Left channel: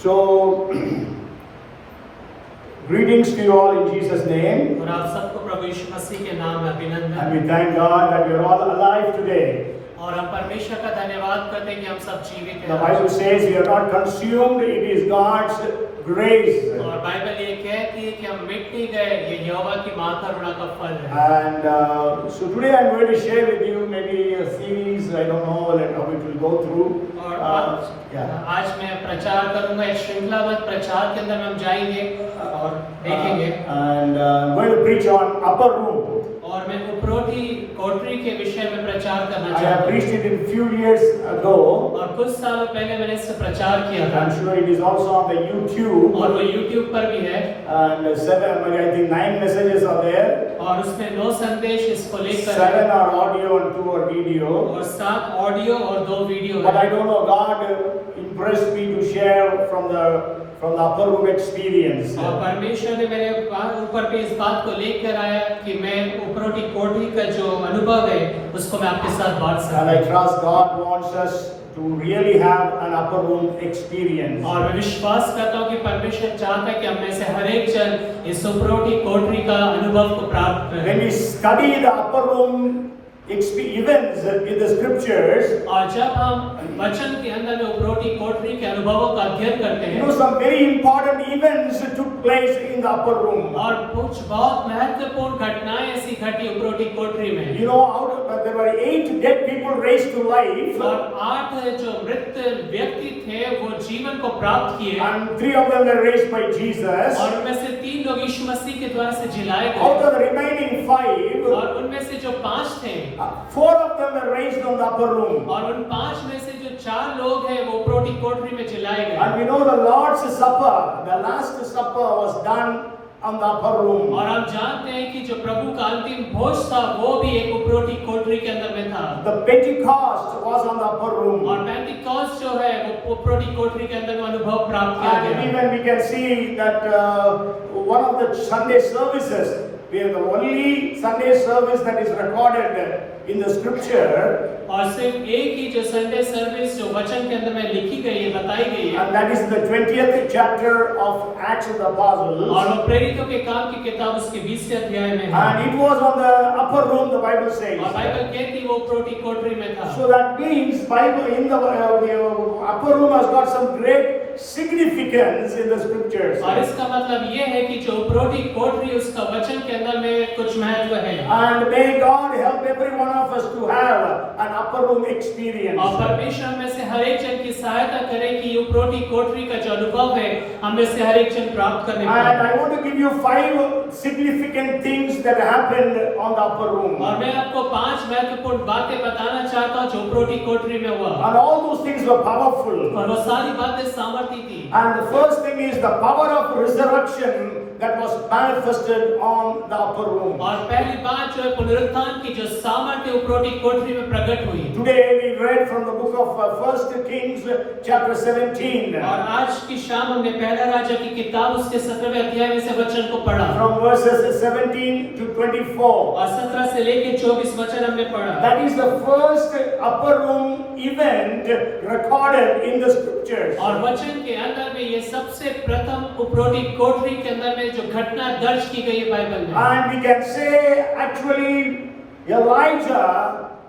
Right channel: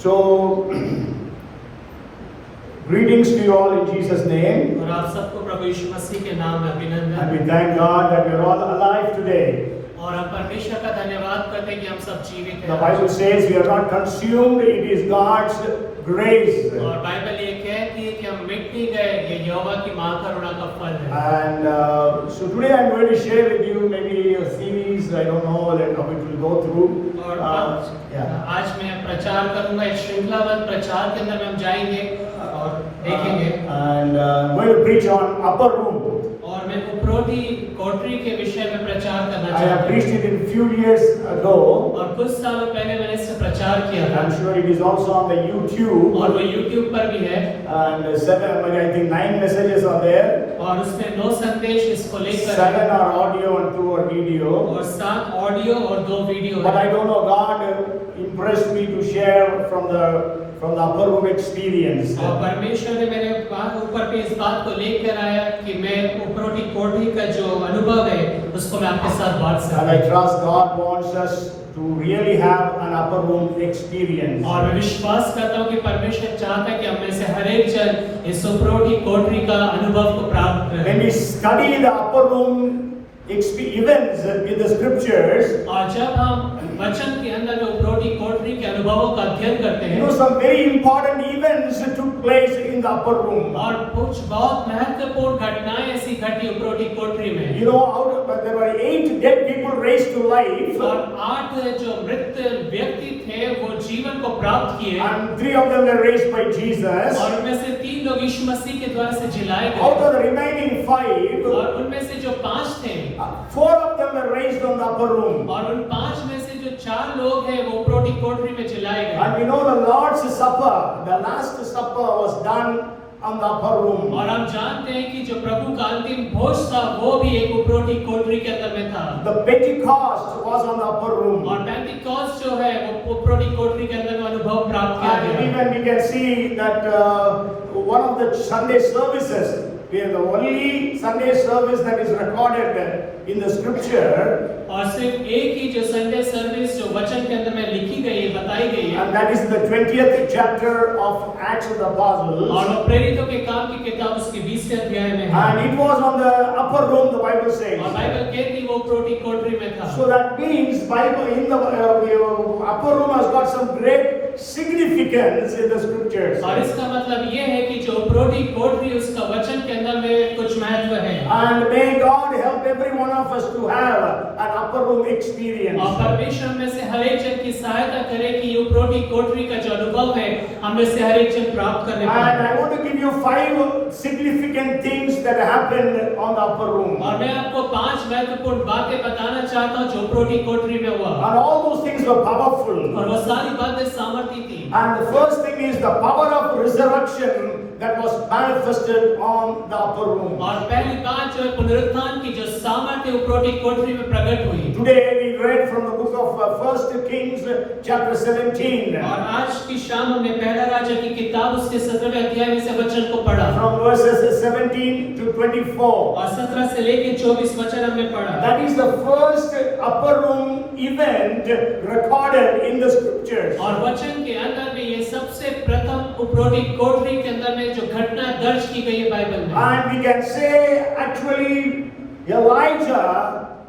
So, greetings to you all in Jesus' name. और आप सबको प्रभु यीशु मसीह के नाम में अभिनंदन। And we thank God that we are all alive today. और हम परमेश्वर का धन्यवाद करते हैं कि हम सब जीवित The हैं। Bible says we are not consumed, it is God's grace. और बाइबल ये कहती है कि हम मिट नहीं गए, ये यहोवा की महाकरुणा का फल है। And so today I'm going to share with you maybe a series, I don't know like how it will go through. और Yeah. आज मैं प्रचार करूंगा, एक श्रृंखलाबद्ध प्रचार के अंदर हम जाएंगे और देखेंगे। And I'm going to preach on upper room. और मैं उपरोधी कोठरी के विषय में प्रचार करना I have चाहता हूँ। preached it a few years ago. और कुछ सालों पहले मैंने इससे प्रचार किया And था। I'm sure it is also on the YouTube. और वो YouTube पर भी है। And I think 9 messages are there. और उसमें 9 संदेश इसको लेकर 7 are audio and 2 are video. और 7 ऑडियो और 2 वीडियो But है। I don't know, God impressed me to share from the upper room experience. और परमेश्वर ने मेरे ऊपर पे इस बात को लेकर आया कि मैं उपरोटी कोठरी का जो अनुभव है उसको मैं आपके साथ बांट And सकता I हूँ। trust God wants us to really have an upper room experience. और मैं विश्वास करता हूँ कि परमेश्वर चाहता है कि हम में से हर एक जन इस उपरोटी कोठरी का अनुभव को प्राप्त When करें। we study the upper room events in the scriptures, और जब हम वचन के अंदर में उपरोटी कोठरी के अनुभवों का अध्ययन करते you हैं know, some very important events took place in the upper room. और कुछ बहुत महत्वपूर्ण घटनाएं ऐसी घटी उपरोटी कोठरी में। You know, there were 8 dead people raised to life, और 8 जो मृत व्यक्ति थे वो जीवन को प्राप्त किए and 3 of them were raised by Jesus. और उनमें से 3 लोग यीशु मसीह के द्वारा से जिलाए Out गए of the remaining 5, और उनमें से जो 5 थे 4 of them were raised on the upper room. और उन 5 में से जो 4 लोग हैं वो उपरोटी कोठरी में जिलाए गए। And we know the Lord's Supper, the Last Supper was done on the upper room. और हम जानते हैं कि जो प्रभु का अंतिम भोज था वो भी एक उपरोटी कोठरी के अंदर में था। The Pentecost was on the upper room. और पेंटिकॉस्ट जो है वो उपरोटी कोठरी के अंदर में अनुभव प्राप्त किया And गया। even we can see that one of the Sunday services, we are the only Sunday service that is recorded in the scripture, और सिर्फ एक ही जो संडे सर्विस जो वचन के अंदर में लिखी गई है, बताई गई है, and that is the 20th chapter of Acts of the Apostles. और वो प्रेरितों के काम की किताब उसके 20वें अध्याय में है। And it was on the upper room, the Bible says. और बाइबल कहती है वो उपरोटी कोठरी में था। So that means Bible in the upper room has got some great significance in the scriptures. और इसका मतलब ये है कि जो उपरोटी कोठरी उसका वचन के अंदर में कुछ महत्व है। And may God help every one of us to have an upper room experience. और परमेश्वर में से हर एक जन की सहायता करे कि ये उपरोटी कोठरी का जो अनुभव है हम में से हर एक जन प्राप्त करने And पाए। I want to give you 5 significant things that happened on the upper room. और मैं आपको 5 महत्वपूर्ण बातें बताना चाहता हूँ जो उपरोटी कोठरी में हुआ। And all those things were powerful. और वो सारी बातें सामर्थी थी। And the first thing is the power of resurrection that was manifested on the upper room. और पहली बात जो है पुनरुत्थान की जो सामर्थ्य उपरोटी कोठरी में प्रकट हुई। Today we read from the book of 1 Kings chapter 17. और आज की शाम हमने पहला राजा की किताब उसके 17वें अध्याय में से वचन को पढ़ा। From verses 17 to 24. और 17 से लेकर 24 वचन हमने पढ़ा। That is the first upper room event recorded in the scriptures. और वचन के अंदर में ये सबसे प्रथम उपरोटी कोठरी के अंदर में जो घटना दर्ज की गई है बाइबल में। And we can say actually Elijah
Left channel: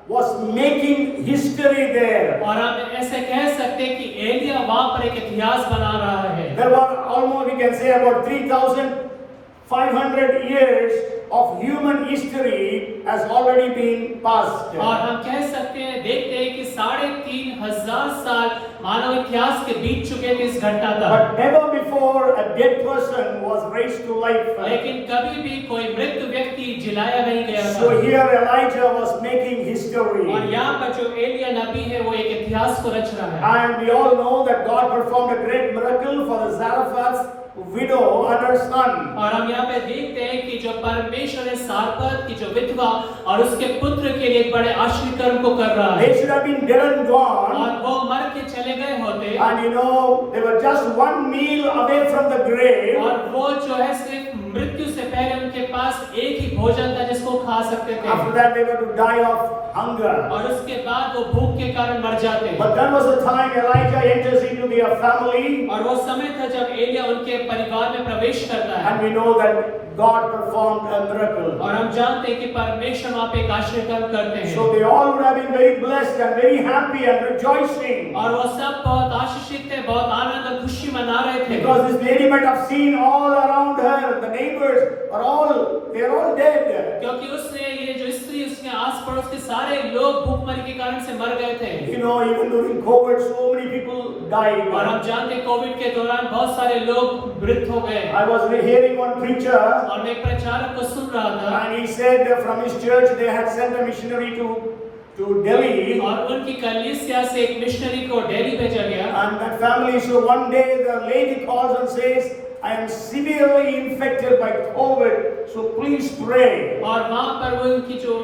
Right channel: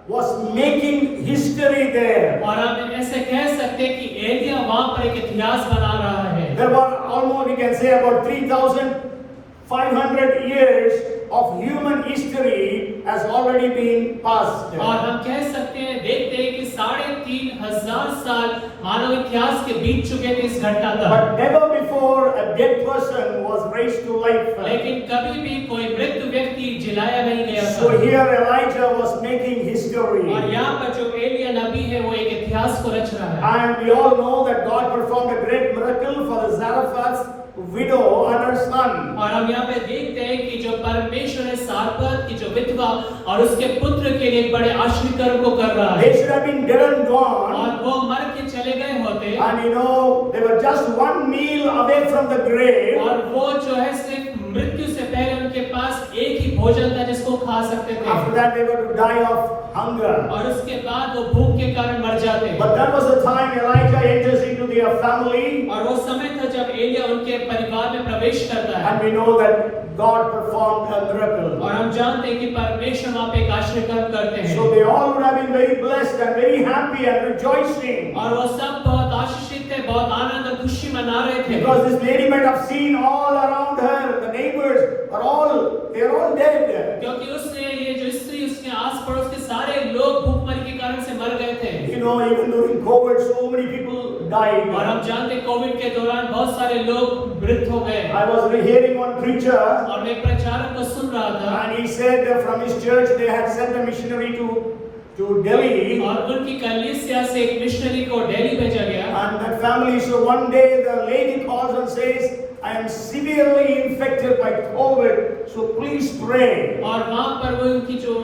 was making history there. और हम ऐसे कह सकते हैं कि एलिया वहां पर एक इतिहास बना रहा है। There were almost, we can say, about 3,500 years of human history has already been passed. और हम कह सकते हैं देखते हैं कि 3,500 साल मानव इतिहास के बीत चुके हैं इस घटना का। But never before a dead person was raised to life. लेकिन कभी भी कोई मृत व्यक्ति जिलाया नहीं गया So था। here Elijah was making history. और यहाँ पर जो एलिया नबी है वो एक इतिहास को रच रहा है। And we all know that God performed a great miracle for the Zarephath's widow and her son. और हम यहाँ पे देखते हैं कि जो परमेश्वर है सारपत की जो विधवा और उसके पुत्र के लिए एक बड़े आश्चर्य कर्म को कर रहा है। They should have been dead and gone. और वो मर के चले गए होते And you know, they were just one meal away from the grave. और वो जो है सिर्फ मृत्यु से पहले उनके पास एक ही भोजन था जिसको खा सकते थे, After that, they were to die of hunger. और उसके बाद वो भूख के कारण मर जाते। But that was the time Elijah enters into their family, और वो समय था जब एलिया उनके परिवार में प्रवेश करता है, and we know that God performed a miracle. और हम जानते हैं कि परमेश्वर वहाँ पे एक आश्चर्य काम करते हैं। So they all would have been very blessed and very happy and rejoicing, और वो सब बहुत आशीषित थे, बहुत आनंद और खुशी मना रहे थे, because this lady might have seen all around her, the neighbors they are all dead. क्योंकि उसने ये जो स्त्री उसके आस पड़ोस के सारे लोग भूखमरी के कारण से मर गए थे। You know, even during COVID, so many people died. और हम जानते हैं कोविड के दौरान बहुत सारे लोग मृत हो गए। I was hearing one preacher, और मैं प्रचारक को सुन रहा था, and he said from his church they had sent a missionary to Delhi, और उनकी कलीसिया से एक मिशनरी को दिल्ली भेजा गया। and that family. So one day the lady calls and says, I am severely infected by COVID, so please pray. और वहाँ पर वो उनकी जो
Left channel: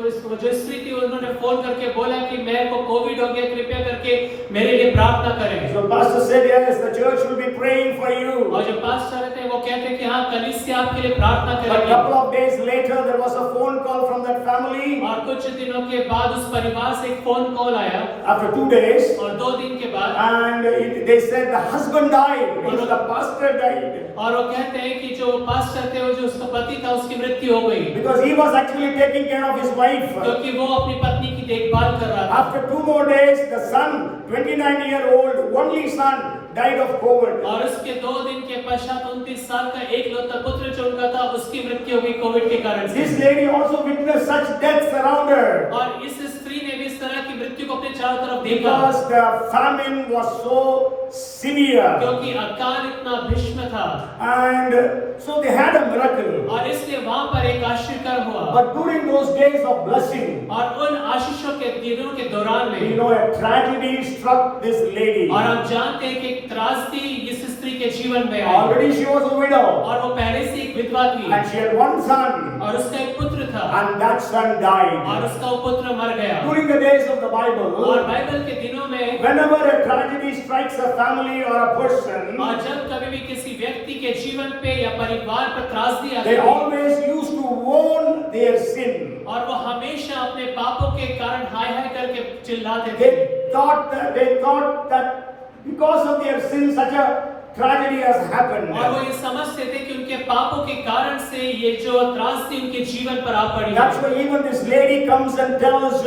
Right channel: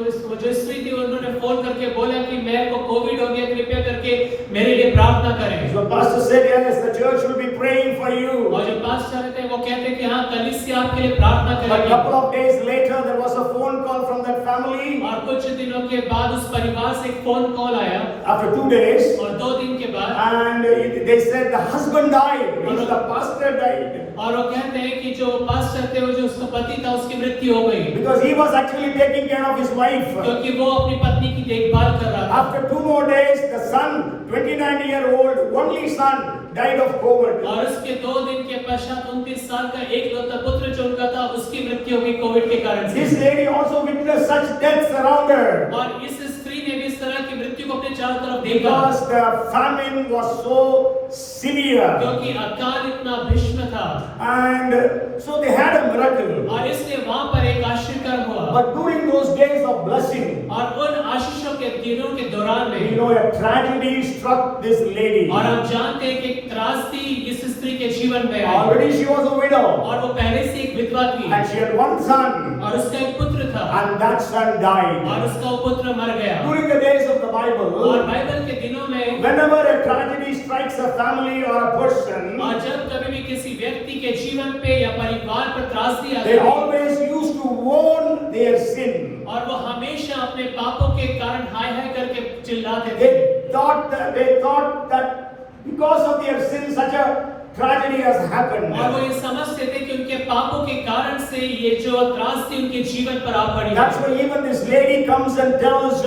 स्त्री थी उन्होंने फोन करके बोला कि मेरे को कोविड हो गया, कृपया करके मेरे लिए प्रार्थना करें। So pastor said, yes, the church will be praying for you. और जो पास्टर थे वो कहते कि हाँ कलीसिया आपके लिए प्रार्थना A करेगी। couple of days later, there was a phone call from that family. और कुछ दिनों के बाद उस परिवार से एक फोन कॉल आया, After 2 days, और 2 दिन के बाद, and they said the husband died, means the pastor died. और वो कहते हैं कि जो पास्टर थे वो जो उसका पति था उसकी मृत्यु हो गई, Because he was actually taking care of his wife. क्योंकि वो अपनी पत्नी की देखभाल कर रहा था। After 2 more days, the son, 29-year-old, only son, died of COVID. और उसके 2 दिन के पश्चात 29 साल का एक लौता पुत्र जो उनका था उसकी मृत्यु हो गई कोविड के कारण से। This lady also witnessed such deaths around her. और इस स्त्री ने भी इस तरह की मृत्यु को अपने चारों तरफ देखा, Because the famine was so severe. क्योंकि अकाल इतना भीषण था। And so they had a miracle. और इसलिए वहाँ पर एक आश्चर्य कर्म हुआ। But during those days of blessing, और उन आशीषों के दिनों के दौरान you में know, a tragedy struck this lady. और हम जानते हैं कि एक त्रासदी इस स्त्री के जीवन में आई, Already she was a widow. और वो पहले से एक विधवा थी, And she had one son. और उसका एक पुत्र था, And that son और died. उसका वो पुत्र मर गया। During the days of the और Bible, बाइबल के दिनों में whenever a tragedy strikes a family or a person, और जब कभी भी किसी व्यक्ति के जीवन पे या परिवार पर त्रासदी आती they है, always used to mourn their sin. और वो हमेशा अपने पापों के कारण हाय हाय करके चिल्लाते थे। They thought that because of their sin, such a tragedy has happened. और वो ये समझते थे कि उनके पापों के कारण से ये जो त्रासदी उनके जीवन पर आ पड़ी। That's why even this lady comes and tells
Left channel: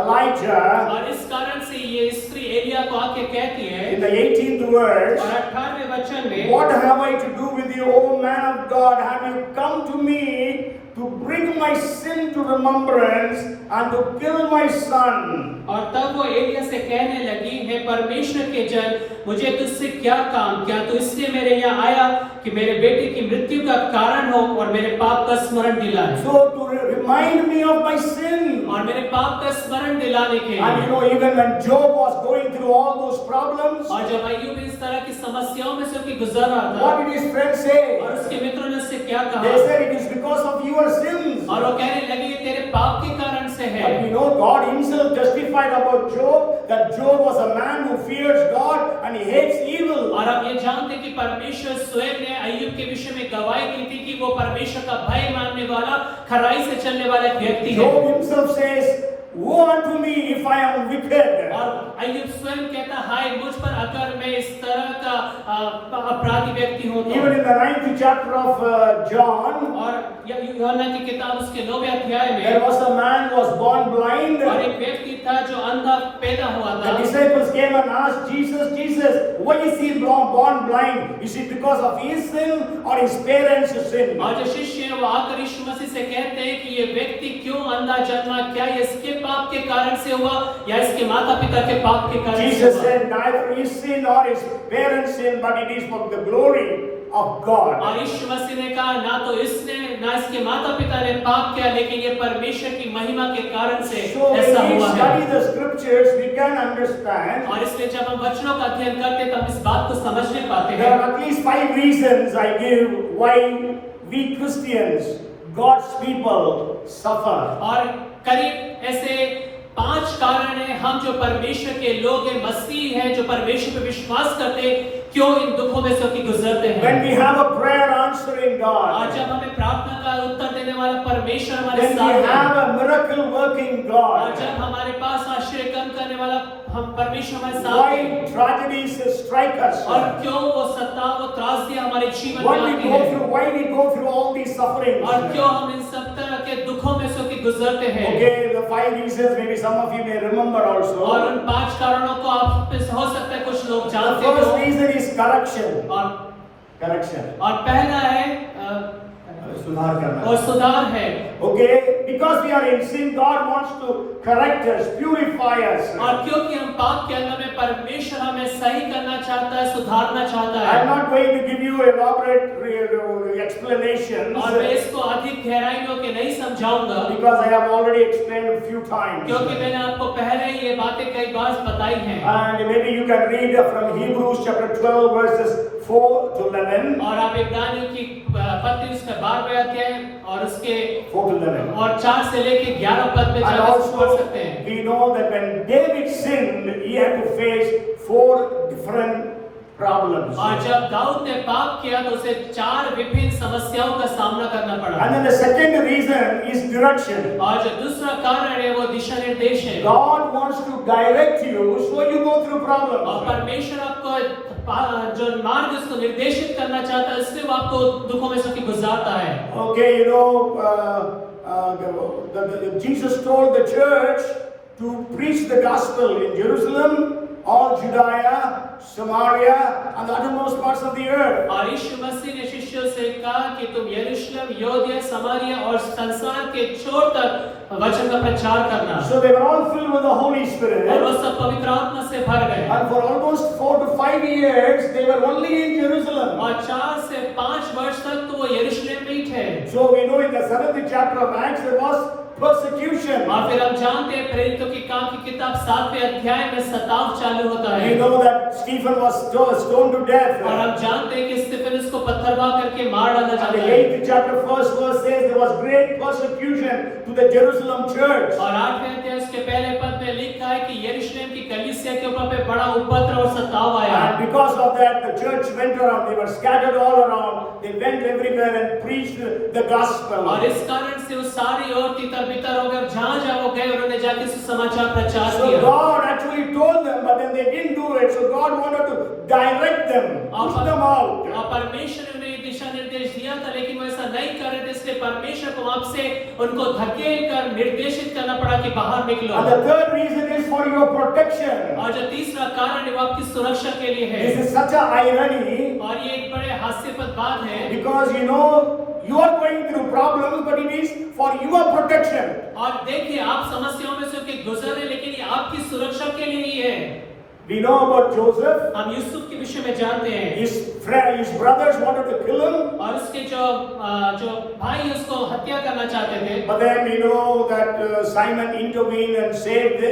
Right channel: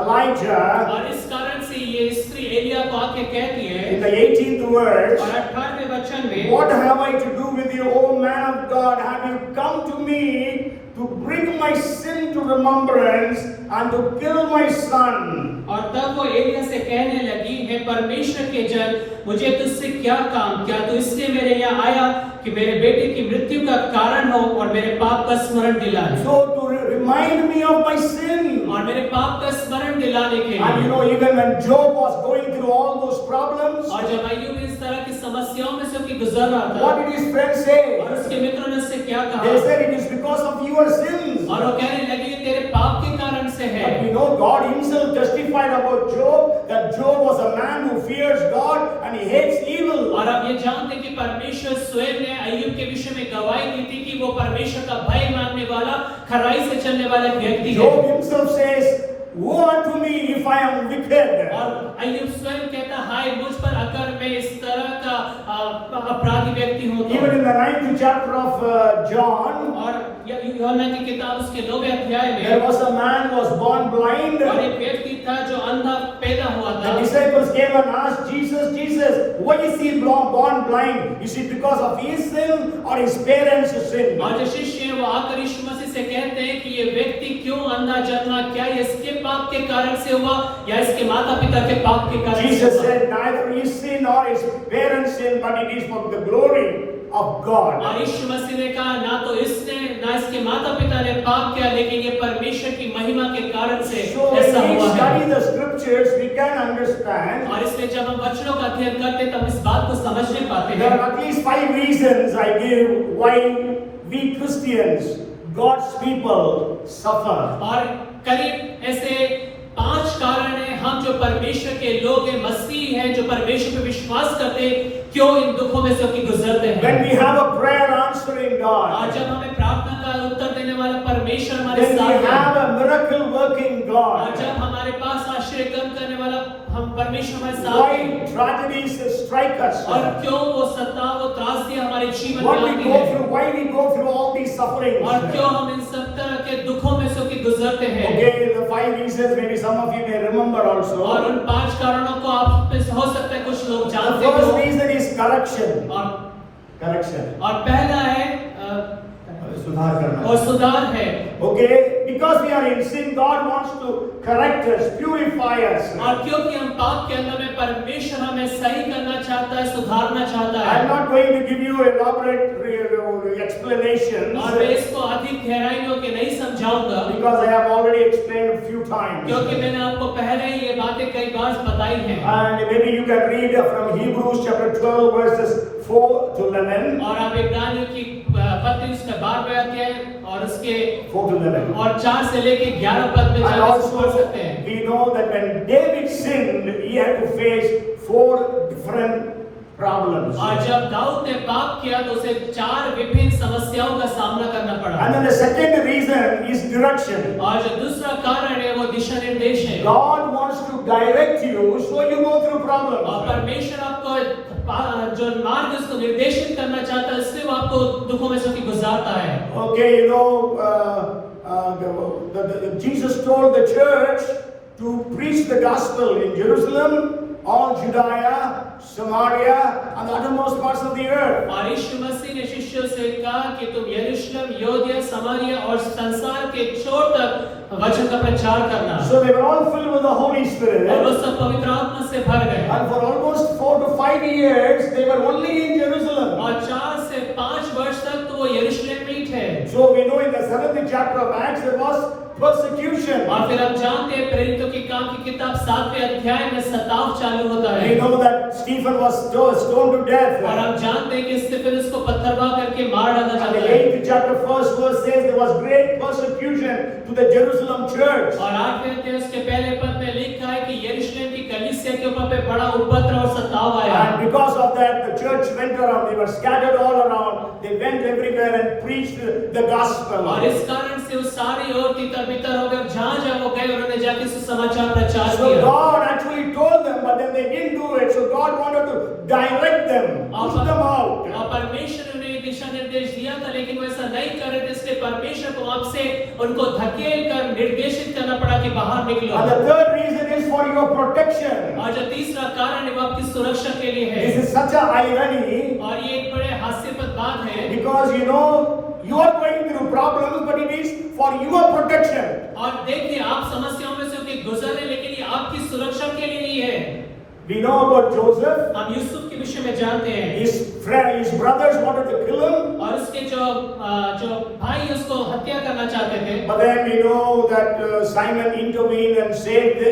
Elijah और इस कारण से ये स्त्री एलिया को आके कहती है in the 18th verse, और 18वें वचन में, what have I to do with you, O man of God? Have you come to me to bring my sin to remembrance and to kill my son? और तब वो एलिया से कहने लगी, है परमेश्वर के जन, मुझे तुझसे क्या काम, क्या तू इसलिए मेरे यहाँ आया कि मेरे बेटे की मृत्यु का कारण हो और मेरे पाप का स्मरण दिलाए। So to remind me of my sin. और मेरे पाप का स्मरण दिलाने के And you लिए। know, even when Job was going through all those problems, और जब अय्यूब इस तरह की समस्याओं में से होकर गुजर रहा था, what did his friends say? और उसके मित्रों ने उससे क्या They कहा, said it is because of your sins. और वो कहने लगी ये तेरे पाप के कारण से है। But we know God himself testified about Job that Job was a man who fears God and he hates evil. और आप ये जानते हैं कि परमेश्वर स्वयं ने अय्यूब के विषय में गवाही दी थी कि वो परमेश्वर का भय मानने वाला, खराई से चलने वाला एक व्यक्ति है। Job himself says, woe unto me if I am wicked. और अय्यूब स्वयं कहता, हाय मुझ पर अगर मैं इस तरह का अपराधी व्यक्ति हूँ तो। Even in the 9th chapter of John, और यूहन्ना की किताब उसके 9वें अध्याय में, there was a man who was born blind. और एक व्यक्ति था जो अंधा पैदा हुआ The था। disciples came and asked Jesus, why is he born blind? Is it because of his sin or his parents' sin? और जो शिष्य हैं वो आकर यीशु मसीह से कहते हैं कि ये व्यक्ति क्यों अंधा जन्मा, क्या ये इसके पाप के कारण से हुआ या इसके माता पिता के पाप के कारण से Jesus हुआ? said, neither his sin nor his parents' sin, but it is for the glory of God. और यीशु मसीह ने कहा, ना तो इसने ना इसके माता पिता ने पाप किया, लेकिन ये परमेश्वर की महिमा के कारण से So ऐसा when we हुआ study है। the scriptures, we can understand और इसलिए जब हम वचनों का अध्ययन करते हैं तब इस बात को समझने पाते there हैं। are at least 5 reasons I give why we Christians, God's people, suffer. और करीब ऐसे 5 कारण हैं, हम जो परमेश्वर के लोग हैं, मसीह हैं, जो परमेश्वर पे विश्वास करते हैं, क्यों इन दुखों में से होकर गुजरते हैं। When we have a prayer answering God, और जब हमें का उत्तर देने वाला परमेश्वर हमारे When we साथ है। have a miracle working और God, जब हमारे पास आश्चर्य कर्म करने वाला हम परमेश्वर हमारे साथ है, why tragedies strike us? और क्यों वो सत्ता वो त्रासदियां हमारे जीवन What में we आती go है, through, why we go through all these sufferings? और क्यों हम इन सब तरह के दुखों में से होके गुजरते हैं। Okay, the 5 reasons, maybe some of you may remember also. और उन 5 कारणों को आप में से हो सकता है कुछ लोग The जानते first हो। reason is correction. और Correction. पहला है सुधार करना. और सुधार है। Okay, because we are in sin, God wants to correct us, purify us. और क्योंकि हम पाप के अंदर में परमेश्वर हमें सही करना चाहता है, सुधारना चाहता I'm है। not going to give you elaborate explanations और मैं इसको अधिक गहराई में के नहीं समझाऊंगा, because I have already explained a few times. क्योंकि मैंने आपको पहले ये बातें कई बार बताई हैं। And maybe you can read from Hebrews chapter 12 verses 4 to 11. और आप इब्रानियों की पत्री उसके 12वें अध्याय और उसके 4 to 11. और 4 से लेके 11 पद में And जाकर पढ़ also, सकते हैं। we know that when David sinned, he had to face 4 different problems. और जब दाऊद ने पाप किया तो उसे 4 विभिन्न समस्याओं का सामना करना And पड़ा। then the second reason is direction. और जो दूसरा कारण है वो दिशा निर्देश है। God wants to direct you so you go through और problems. परमेश्वर आपको जो मार्ग उसको निर्देशित करना चाहता है, इसलिए वो आपको दुखों में से गुजारता है। Okay, you know, Jesus told the church to preach the gospel in Jerusalem, all Judea, Samaria, and the uttermost parts of the earth. और यीशु मसीह ने शिष्यों से कहा कि तुम यरूशलेम, यहूदिया, समारिया और संसार के छोर तक वचन का प्रचार करना। So they were all filled with the Holy और Spirit. वो सब पवित्र आत्मा से भर गए। And for almost 4 to 5 years, they were only in Jerusalem. और 4 से 5 वर्ष तक तो वो यरूशलेम में ही थे। So we know in the 7th chapter of Acts, there was persecution. और फिर हम जानते हैं प्रेरितों की काम की किताब 7वें अध्याय में सताव चालू होता है। We know that Stephen was stoned to death. और हम जानते हैं कि स्तिफनुस को पत्थरमार करके मार डाला And जाता the है। 8th chapter, first verse says there was great persecution to the Jerusalem church. और 8वें अध्याय उसके पहले पद में लिखा है कि यरूशलेम की कलीसिया के ऊपर पे बड़ा उपद्रव और सताव आया। And because of that, the church went around. They were scattered all around. They went everywhere and preached the gospel. और इस कारण से वो सारी ओर तितर-बितर हो गए और जहाँ वो गए उन्होंने जाके सुसमाचार प्रचार So किया। God actually told them, but then they didn't do it. So God wanted to direct them, push them out. और परमेश्वर ने दिशा निर्देश दिया था, लेकिन वो ऐसा नहीं कर रहे थे, इसलिए परमेश्वर को वहाँ से उनको धकेल कर निर्देशित करना पड़ा कि बाहर निकलो। And the third reason is for your protection. और जो तीसरा कारण है वो आपकी सुरक्षा के लिए है। This is such a irony और ये एक बड़े हास्यास्पद बात है, because you know you are going through problems, but it is for your protection. और देखिए आप समस्याओं में से होके गुजर रहे हैं, लेकिन ये आपकी सुरक्षा के लिए ही है। We know about Joseph. हम यूसुफ के विषय में जानते हैं। His brothers wanted to kill him. और उसके जो भाई उसको हत्या करना चाहते थे। But then we know that Simon intervened and saved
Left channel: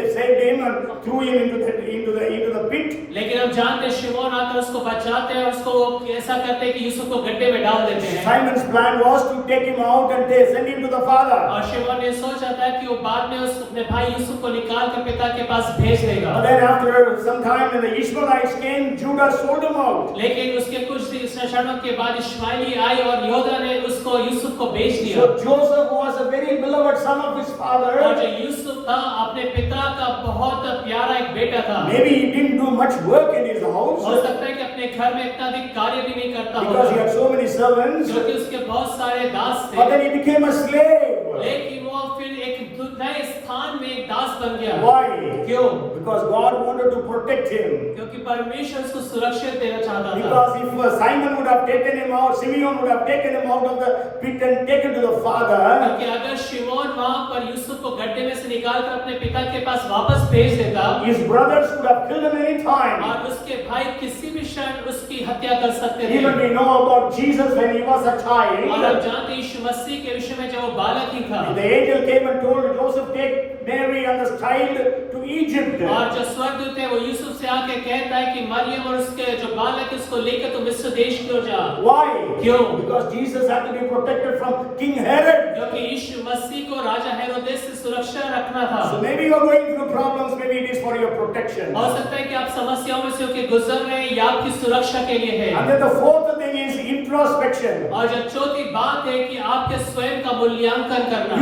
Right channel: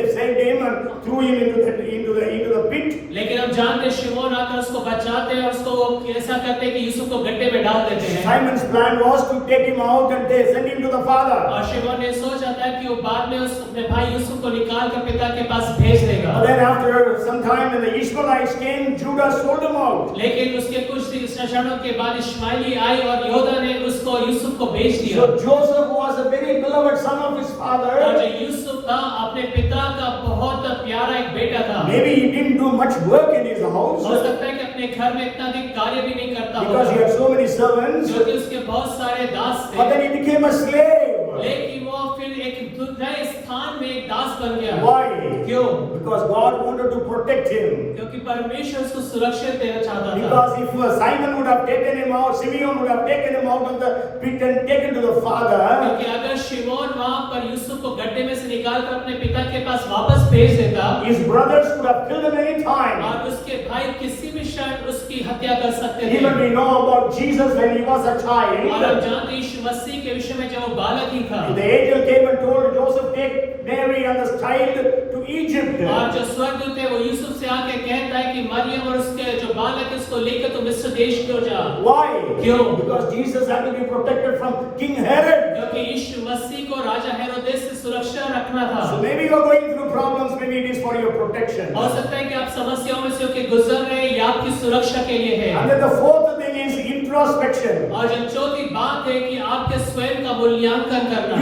him and threw him into the pit. लेकिन हम जानते हैं शिमोन आकर उसको बचाते हैं और उसको ऐसा करते हैं कि यूसुफ को गड्ढे में डाल देते हैं। Simon's plan was to take him out and they send him to the father. और शिमोन ने सोचा था कि वो बाद में अपने भाई यूसुफ को निकाल के पिता के पास भेज देगा। But then after some time when the Ishmaelites came, Judah sold him out. लेकिन उसके कुछ क्षणों के बाद इश्माएली आई और योदा ने उसको यूसुफ को बेच दिया। So Joseph was a very beloved son of his और father. जो यूसुफ था अपने पिता का बहुत प्यारा एक बेटा था। Maybe he didn't do much work in his house हो सकता है कि अपने घर में इतना अधिक कार्य भी नहीं करता because he हो, had so many servants. क्योंकि उसके बहुत सारे दास But थे। then he became a slave. लेकिन वो फिर एक नए स्थान में एक दास बन गया। Why? क्यों? Because God wanted to protect him. क्योंकि परमेश्वर उसको सुरक्षित देना चाहता था। Because if Simon would have taken him out, Simeon would have taken him out of the pit and taken to the father. क्योंकि अगर शिमोन वहां पर यूसुफ को गड्ढे में से निकाल कर अपने पिता के पास वापस भेज देता, His brothers would have killed him any time. और उसके भाई किसी भी क्षण उसकी हत्या कर सकते थे। Even we know about Jesus when he was a और हम child. जानते हैं यीशु मसीह के विषय में जब वो बालक ही था, The angel came and told Joseph, take Mary and the child to Egypt. और जो स्वर्गदूत है वो यूसुफ से आके कहता है कि मरियम और उसके जो बालक है उसको लेकर तुम मिस्र देश क्यों जा। Why? क्यों? Because Jesus had to be protected from King Herod. क्योंकि यीशु मसीह को राजा हेरोदेस से सुरक्षा रखना था। So maybe you are going through problems, maybe it is for your protection. हो सकता है कि आप समस्याओं में से होकर गुजर रहे हैं या आपकी सुरक्षा के लिए है। And then the fourth thing is introspection. और जो चौथी बात है कि आपके स्वयं का मूल्यांकन करना।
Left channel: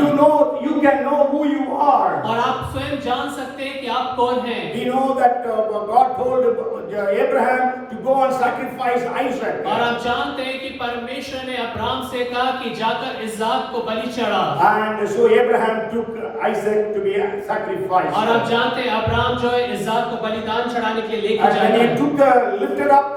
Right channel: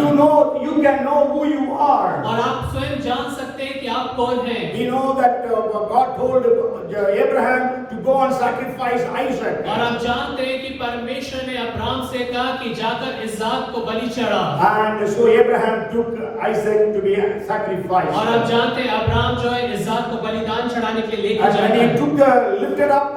You can know who you are. और आप स्वयं जान सकते हैं कि आप कौन हैं। We know that God told Abraham to go and sacrifice Isaac. और आप जानते हैं कि परमेश्वर ने अब्राहम से कहा कि जाकर इसहाक को बलि चढ़ा। And so Abraham took Isaac to be sacrificed. और आप जानते हैं अब्राहम जो है इसहाक को बलिदान चढ़ाने के लिए लेकर And जाता he है। lifted up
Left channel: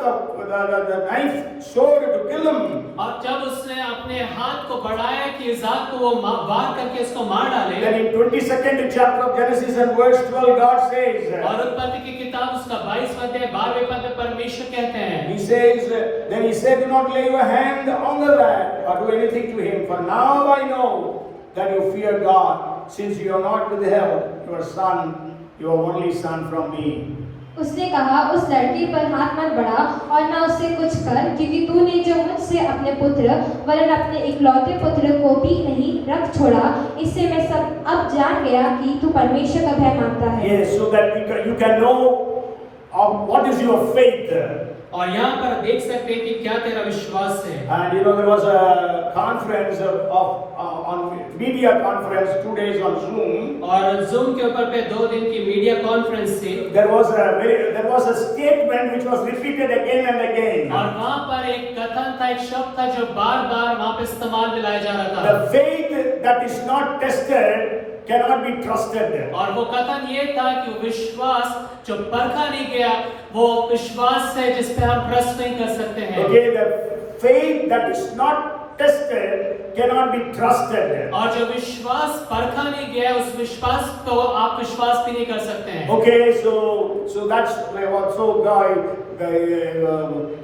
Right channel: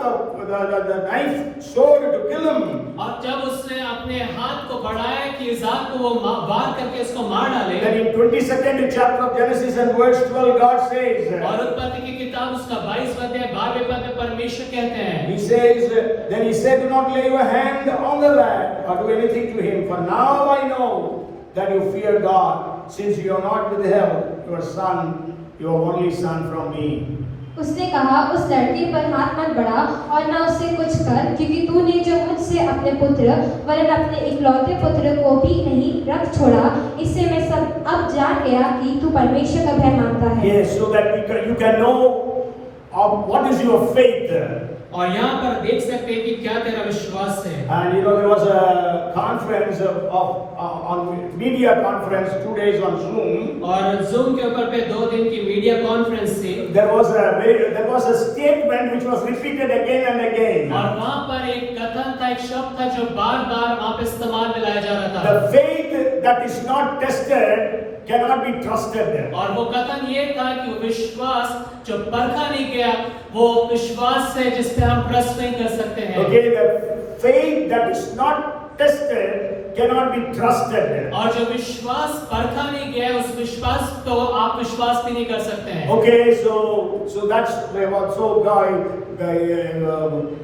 the knife, sword to kill him. और जब उसने अपने हाथ को बढ़ाया कि इसहाक को वो वार करके उसको मार डाले। Then in 22nd chapter of Genesis and verse 12, God says. और उत्पत्ति की किताब उसका 22वां अध्याय 12वें पद में परमेश्वर कहते हैं। He says, then he said, do not lay your hand on the lad or do anything to him, for now I know that you fear God, since you have not withheld your son, your only son from me. उसने कहा उस लड़के पर हाथ मत बढ़ा और न उससे कुछ कर, क्योंकि तूने जो मुझसे अपने पुत्र वरन अपने इकलौते पुत्र को भी नहीं रख छोड़ा, इससे मैं सब अब जान गया कि तू परमेश्वर का भय मानता है। Yes, so that you can know what is your faith. और यहाँ पर देख सकते हैं कि क्या तेरा विश्वास है। And you know there was a conference on media conference 2 days on Zoom. और Zoom के ऊपर पे 2 दिन की मीडिया कॉन्फ्रेंस थी। There was a statement which was repeated again and again. और वहाँ पर एक कथन था, एक शब्द था जो बार-बार वहाँ पे इस्तेमाल में लाया जा रहा था। The faith that is not tested cannot be trusted. और वो कथन ये था कि विश्वास जो परखा नहीं गया वो विश्वास है जिस पे हम ट्रस्ट नहीं कर सकते हैं। Okay, the faith that is not tested cannot be trusted. और जो विश्वास परखा नहीं गया उस विश्वास को आप विश्वास भी नहीं कर सकते हैं। Okay, so that's what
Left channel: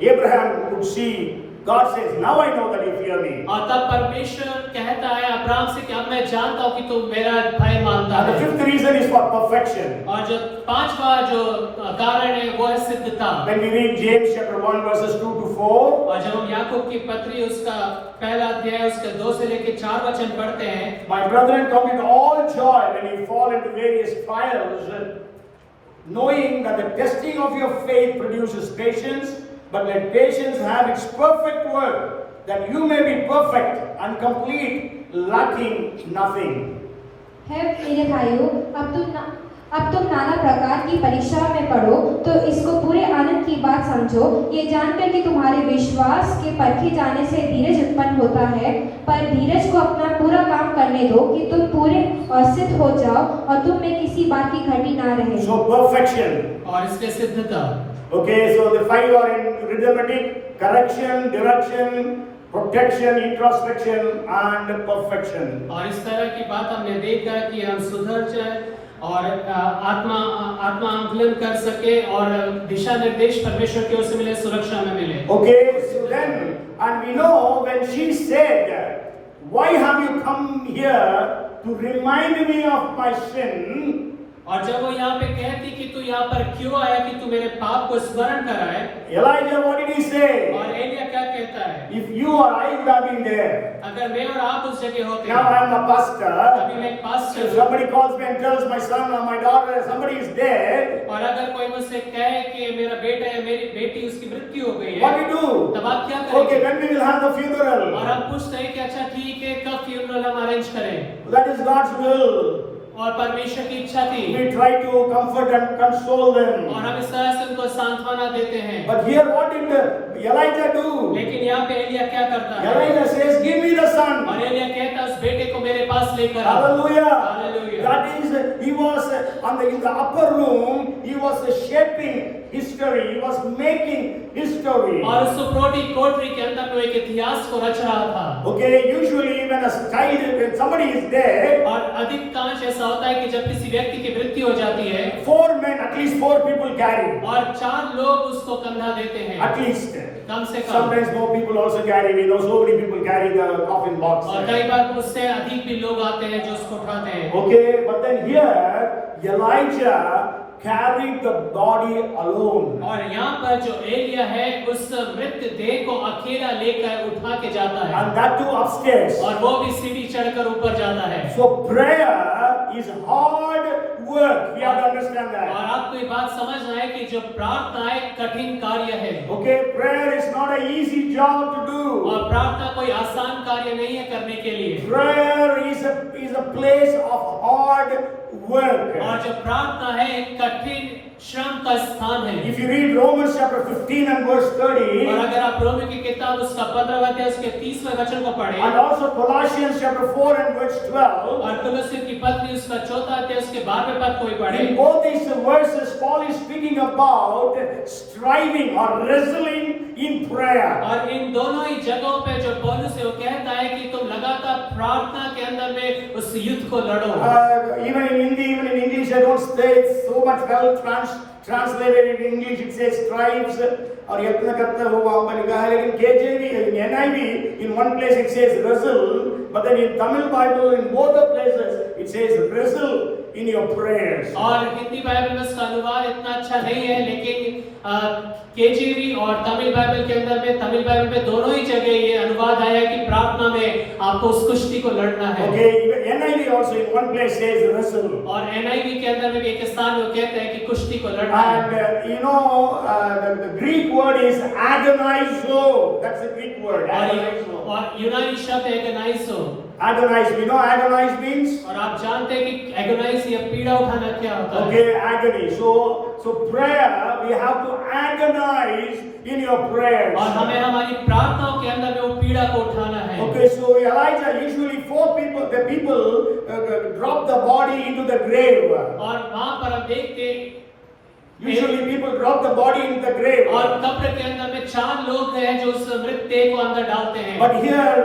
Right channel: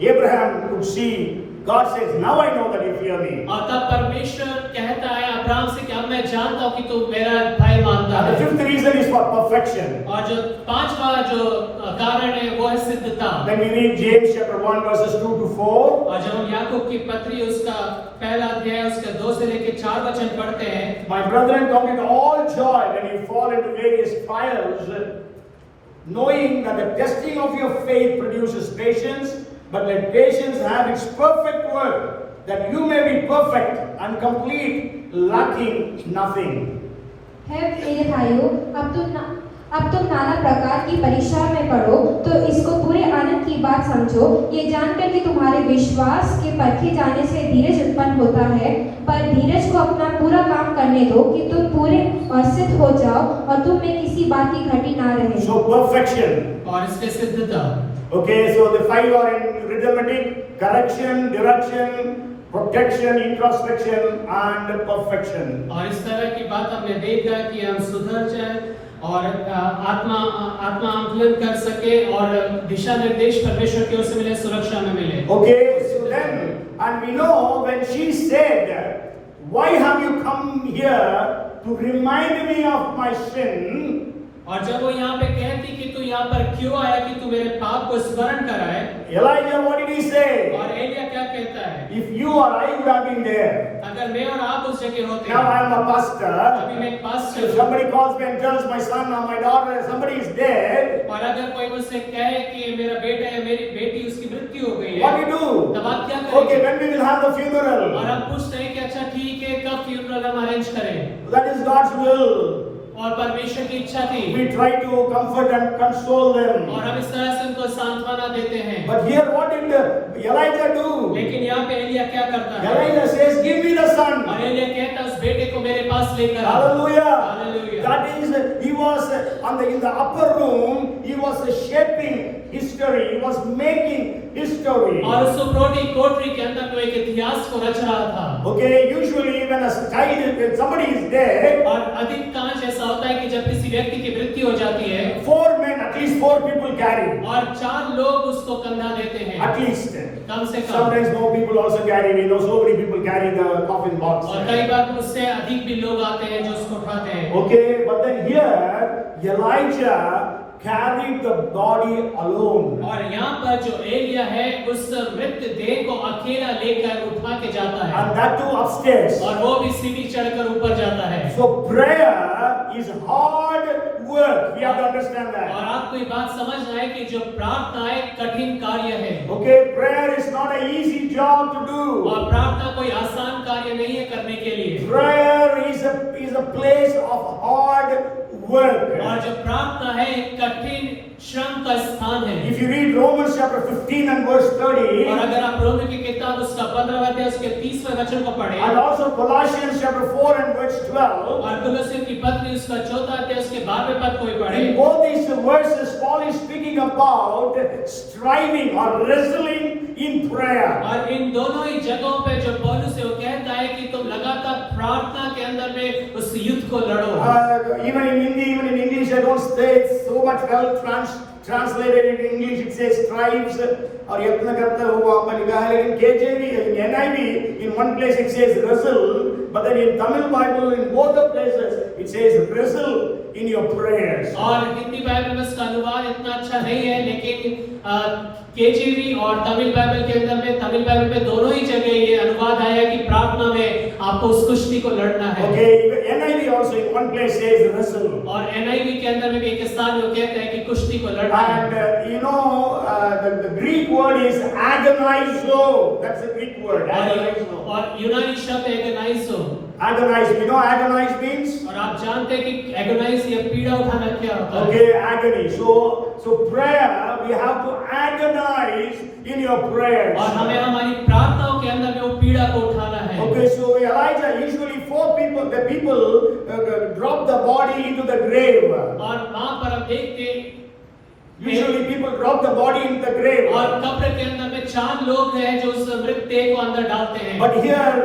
Abraham could see. God says, now I know that you fear me. और तब परमेश्वर कहता है अब्राहम से कि अब मैं जानता हूँ कि तू मेरा भय मानता The है। fifth reason is for perfection. और जो 5वां जो कारण है वो है सिद्धता। When we read James chapter 1 verses 2 to 4, और जब हम याकूब की पत्री उसका पहला अध्याय उसके 2 से लेकर 4 वचन पढ़ते हैं। my brethren, count it all joy when you fall into various trials, knowing that the testing of your faith produces patience. But let patience have its perfect work, that you may be perfect and complete, lacking nothing. है मेरे भाइयों, अब तुम नाना प्रकार की परीक्षा में पढ़ो तो इसको पूरे आनंद की बात समझो, ये जानकर कि तुम्हारे विश्वास के परखे जाने से धीरज उत्पन्न होता है, पर धीरज को अपना पूरा काम करने दो कि तुम पूरे और सिद्ध हो जाओ और तुम में किसी बात की घटी ना रहे। So perfection. और इसके सिद्धता। Okay, so the 5 are in arithmetic: correction, direction, protection, introspection, and perfection. और इस तरह की बात हमने देखा कि हम सुधर जाए और आत्मा आंकलन कर सके और दिशा निर्देश परमेश्वर की ओर से मिले, सुरक्षा में मिले। Okay, so then, and we know when she said, why have you come here to remind me of my sin? और जब वो यहाँ पे कहती कि तू यहाँ पर क्यों आया कि तू मेरे पाप को स्मरण कराए। Elijah, what did he say? और एलिया क्या कहता है? If you or I would have been there. अगर मैं और आप उस जगह होते Now I am a pastor. अभी मैं एक pastor If somebody calls me and tells my son or my daughter somebody is dead, और अगर कोई मुझसे कहे कि मेरा बेटा है, मेरी बेटी, उसकी मृत्यु हो गई है, what do you do? तब आप क्या Okay, करेंगे? when we will have the और funeral. हम पूछते हैं कि अच्छा ठीक है, कब फ्यूनरल हम अरेंज करें? That is God's will. और परमेश्वर की इच्छा थी We try to comfort and console them. और हम इस तरह से उनको सांत्वना देते हैं। But here what did Elijah do? लेकिन यहाँ पे एलिया क्या करता है? Elijah says, give me the son. और एलिया कहता है उस बेटे को मेरे पास लेकर आओ। Hallelujah. Hallelujah. That is, he was in the upper room, he was shaping history, he was making history. और उस सुप्रोटी कोठरी के अंदर वो एक इतिहास को रच रहा था। Okay, usually when somebody is dead, और अधिकांश ऐसा होता है कि जब किसी व्यक्ति की मृत्यु हो जाती है, 4 men, at least 4 people carry. और 4 लोग उसको कंधा देते हैं। At least. कम से कम। Sometimes more people also carry. We know so many people carry the coffin box. और कई बार उससे अधिक भी लोग आते हैं जो उसको उठाते हैं। Okay, but then here Elijah carried the body alone. और यहाँ पर जो एलिया है उस मृत देह को अकेला लेकर उठा के जाता है। And that too upstairs. और वो भी सीढ़ी चढ़कर ऊपर जाता है। So prayer is hard work. We have to understand और that. आपको ये बात समझ आए कि जो प्रार्थना है कठिन कार्य है। Okay, prayer is not an easy job to do. और प्रार्थना कोई आसान कार्य नहीं है करने के लिए। Prayer is a place of hard work. और जो प्रार्थना है कठिन श्रम का स्थान है। If you read Romans chapter 15 and verse 30, और अगर आप रोमी की किताब उसका 15वां अध्याय उसके 30वें वचन को पढ़ें, and also Colossians chapter 4 and verse 12, और कुलस्सियों की पत्री उसका 4वां अध्याय उसके 12वें पद को भी in पढ़ें, both these verses, Paul is speaking about striving or wrestling in prayer. और इन दोनों ही जगहों पे जो पौलुस है वो कहता है कि तुम लगातार प्रार्थना के अंदर में उस युद्ध को लड़ो। Even in English, I don't say it so much well translated in English. It says strives और यत्न करते हो वहाँ पर लिखा है, लेकिन KJV, in NIV, in one place it says wrestle, but then in Tamil Bible, in both the places, it says wrestle in your prayers. और हिंदी बाइबल में इसका अनुवाद इतना अच्छा नहीं है, लेकिन केजीवी और तमिल बाइबल के अंदर में, तमिल बाइबल में दोनों ही जगह ये अनुवाद है कि प्रार्थना में आपको उस कुश्ती को लड़ना है। Okay, NIV also in one place says wrestle. और NIV के अंदर में भी एक स्थान में कहते हैं कि कुश्ती को लड़ना है। And the Greek word is agonizo. That's the Greek word. Agonizo. और यूनानी शब्द एगोनाइजो। Agonize. You know agonize means? और आप जानते हैं कि एगोनाइज या पीड़ा उठाना क्या होता है? Okay, agony. So prayer, we have to agonize in your prayers. और हमें हमारी प्रार्थनाओं के अंदर में वो पीड़ा को उठाना है। Okay, so Elijah, usually the people drop the body into the grave. और वहाँ पर हम देखते हैं Usually people drop the body into the grave. और कब्र के अंदर में 4 लोग हैं जो उस मृत देह को अंदर डालते हैं। But here,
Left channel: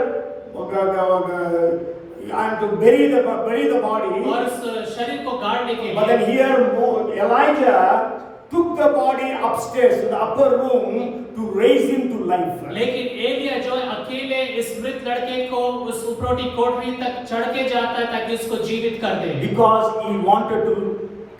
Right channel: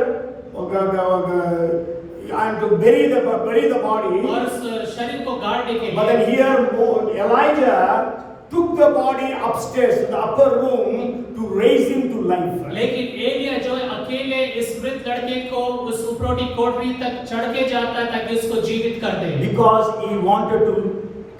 and to bury the body. और उस शरीर को गाड़ने के But लिए। then here, Elijah took the body upstairs in the upper room to raise him to life. लेकिन एलिया जो अकेले इस मृत लड़के को उस उपरोटी कोठरी तक चढ़ के जाता है ताकि उसको जीवित कर दे। Because he wanted to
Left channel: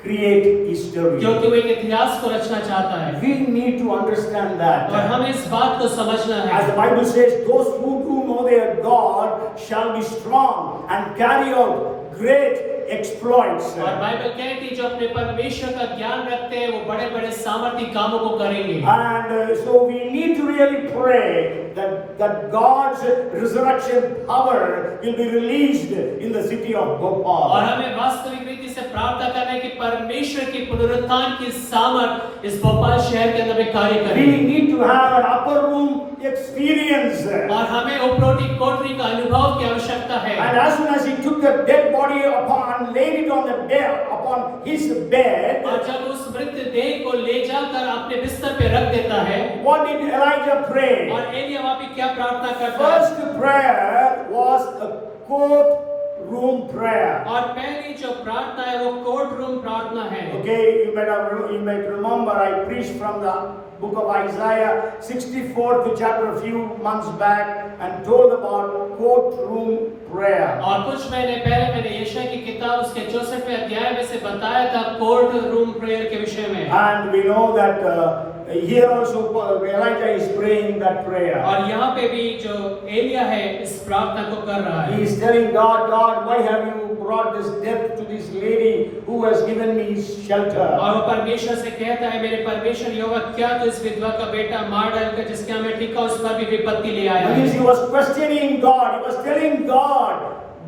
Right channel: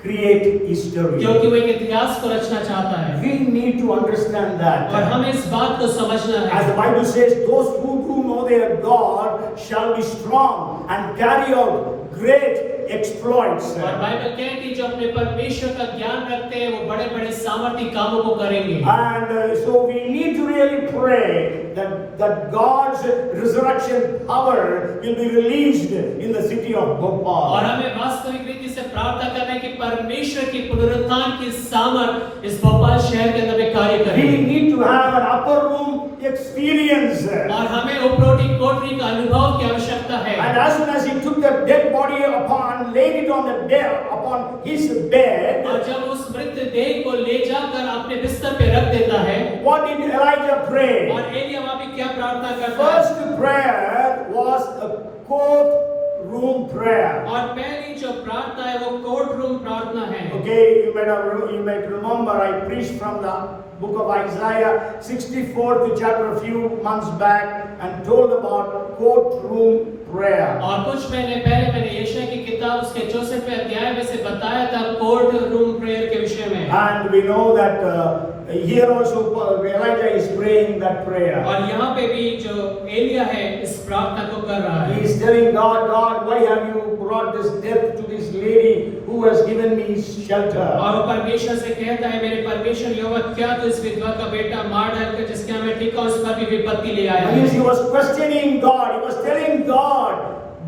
create history. क्योंकि वो एक इतिहास को रचना चाहता है। We need to understand that. और हमें इस बात को समझना As the है। Bible says, those who do know their God shall be strong and carry out great exploits. और बाइबल कहती है जो अपने परमेश्वर का ज्ञान रखते हैं वो बड़े-बड़े सामर्थी कामों को करेंगे। And so we need to really pray that God's resurrection power will be released in the city of और Bhopal. हमें वास्तविक रीति से प्रार्थना करने की परमेश्वर की पुनरुत्थान की सामर्थ इस भोपाल शहर के अंदर में कार्य करे। We need to have an upper room experience. और हमें उपरोटी कोठरी का अनुभव की आवश्यकता है। And as soon as he took the dead body laid it upon his bed, और जब उस मृत देह को ले जाकर अपने बिस्तर पे रख देता है, what did Elijah pray? और एलिया वहाँ पे क्या प्रार्थना करता है? First prayer was the courtroom prayer. और पहली जो प्रार्थना है वो कोर्ट रूम प्रार्थना है। Okay, you might remember I preached from the book of Isaiah 64th chapter a few months back and told about courtroom prayer. और कुछ महीने पहले मैंने यशायाह की किताब उसके 64वें अध्याय में से बताया था कोर्ट रूम प्रेयर के विषय में। And we know that here also Elijah is praying that prayer. और यहाँ पे भी जो एलिया है इस प्रार्थना को कर रहा है। He is telling God, why have you brought this death to this lady who has given me shelter? और वो परमेश्वर से कहता है मेरे परमेश्वर यहोवा क्या तू इस विधवा का बेटा मार डालकर जिसके हमें ठीका उस पर भी विपत्ति ले आया है। He was questioning God. He was telling God,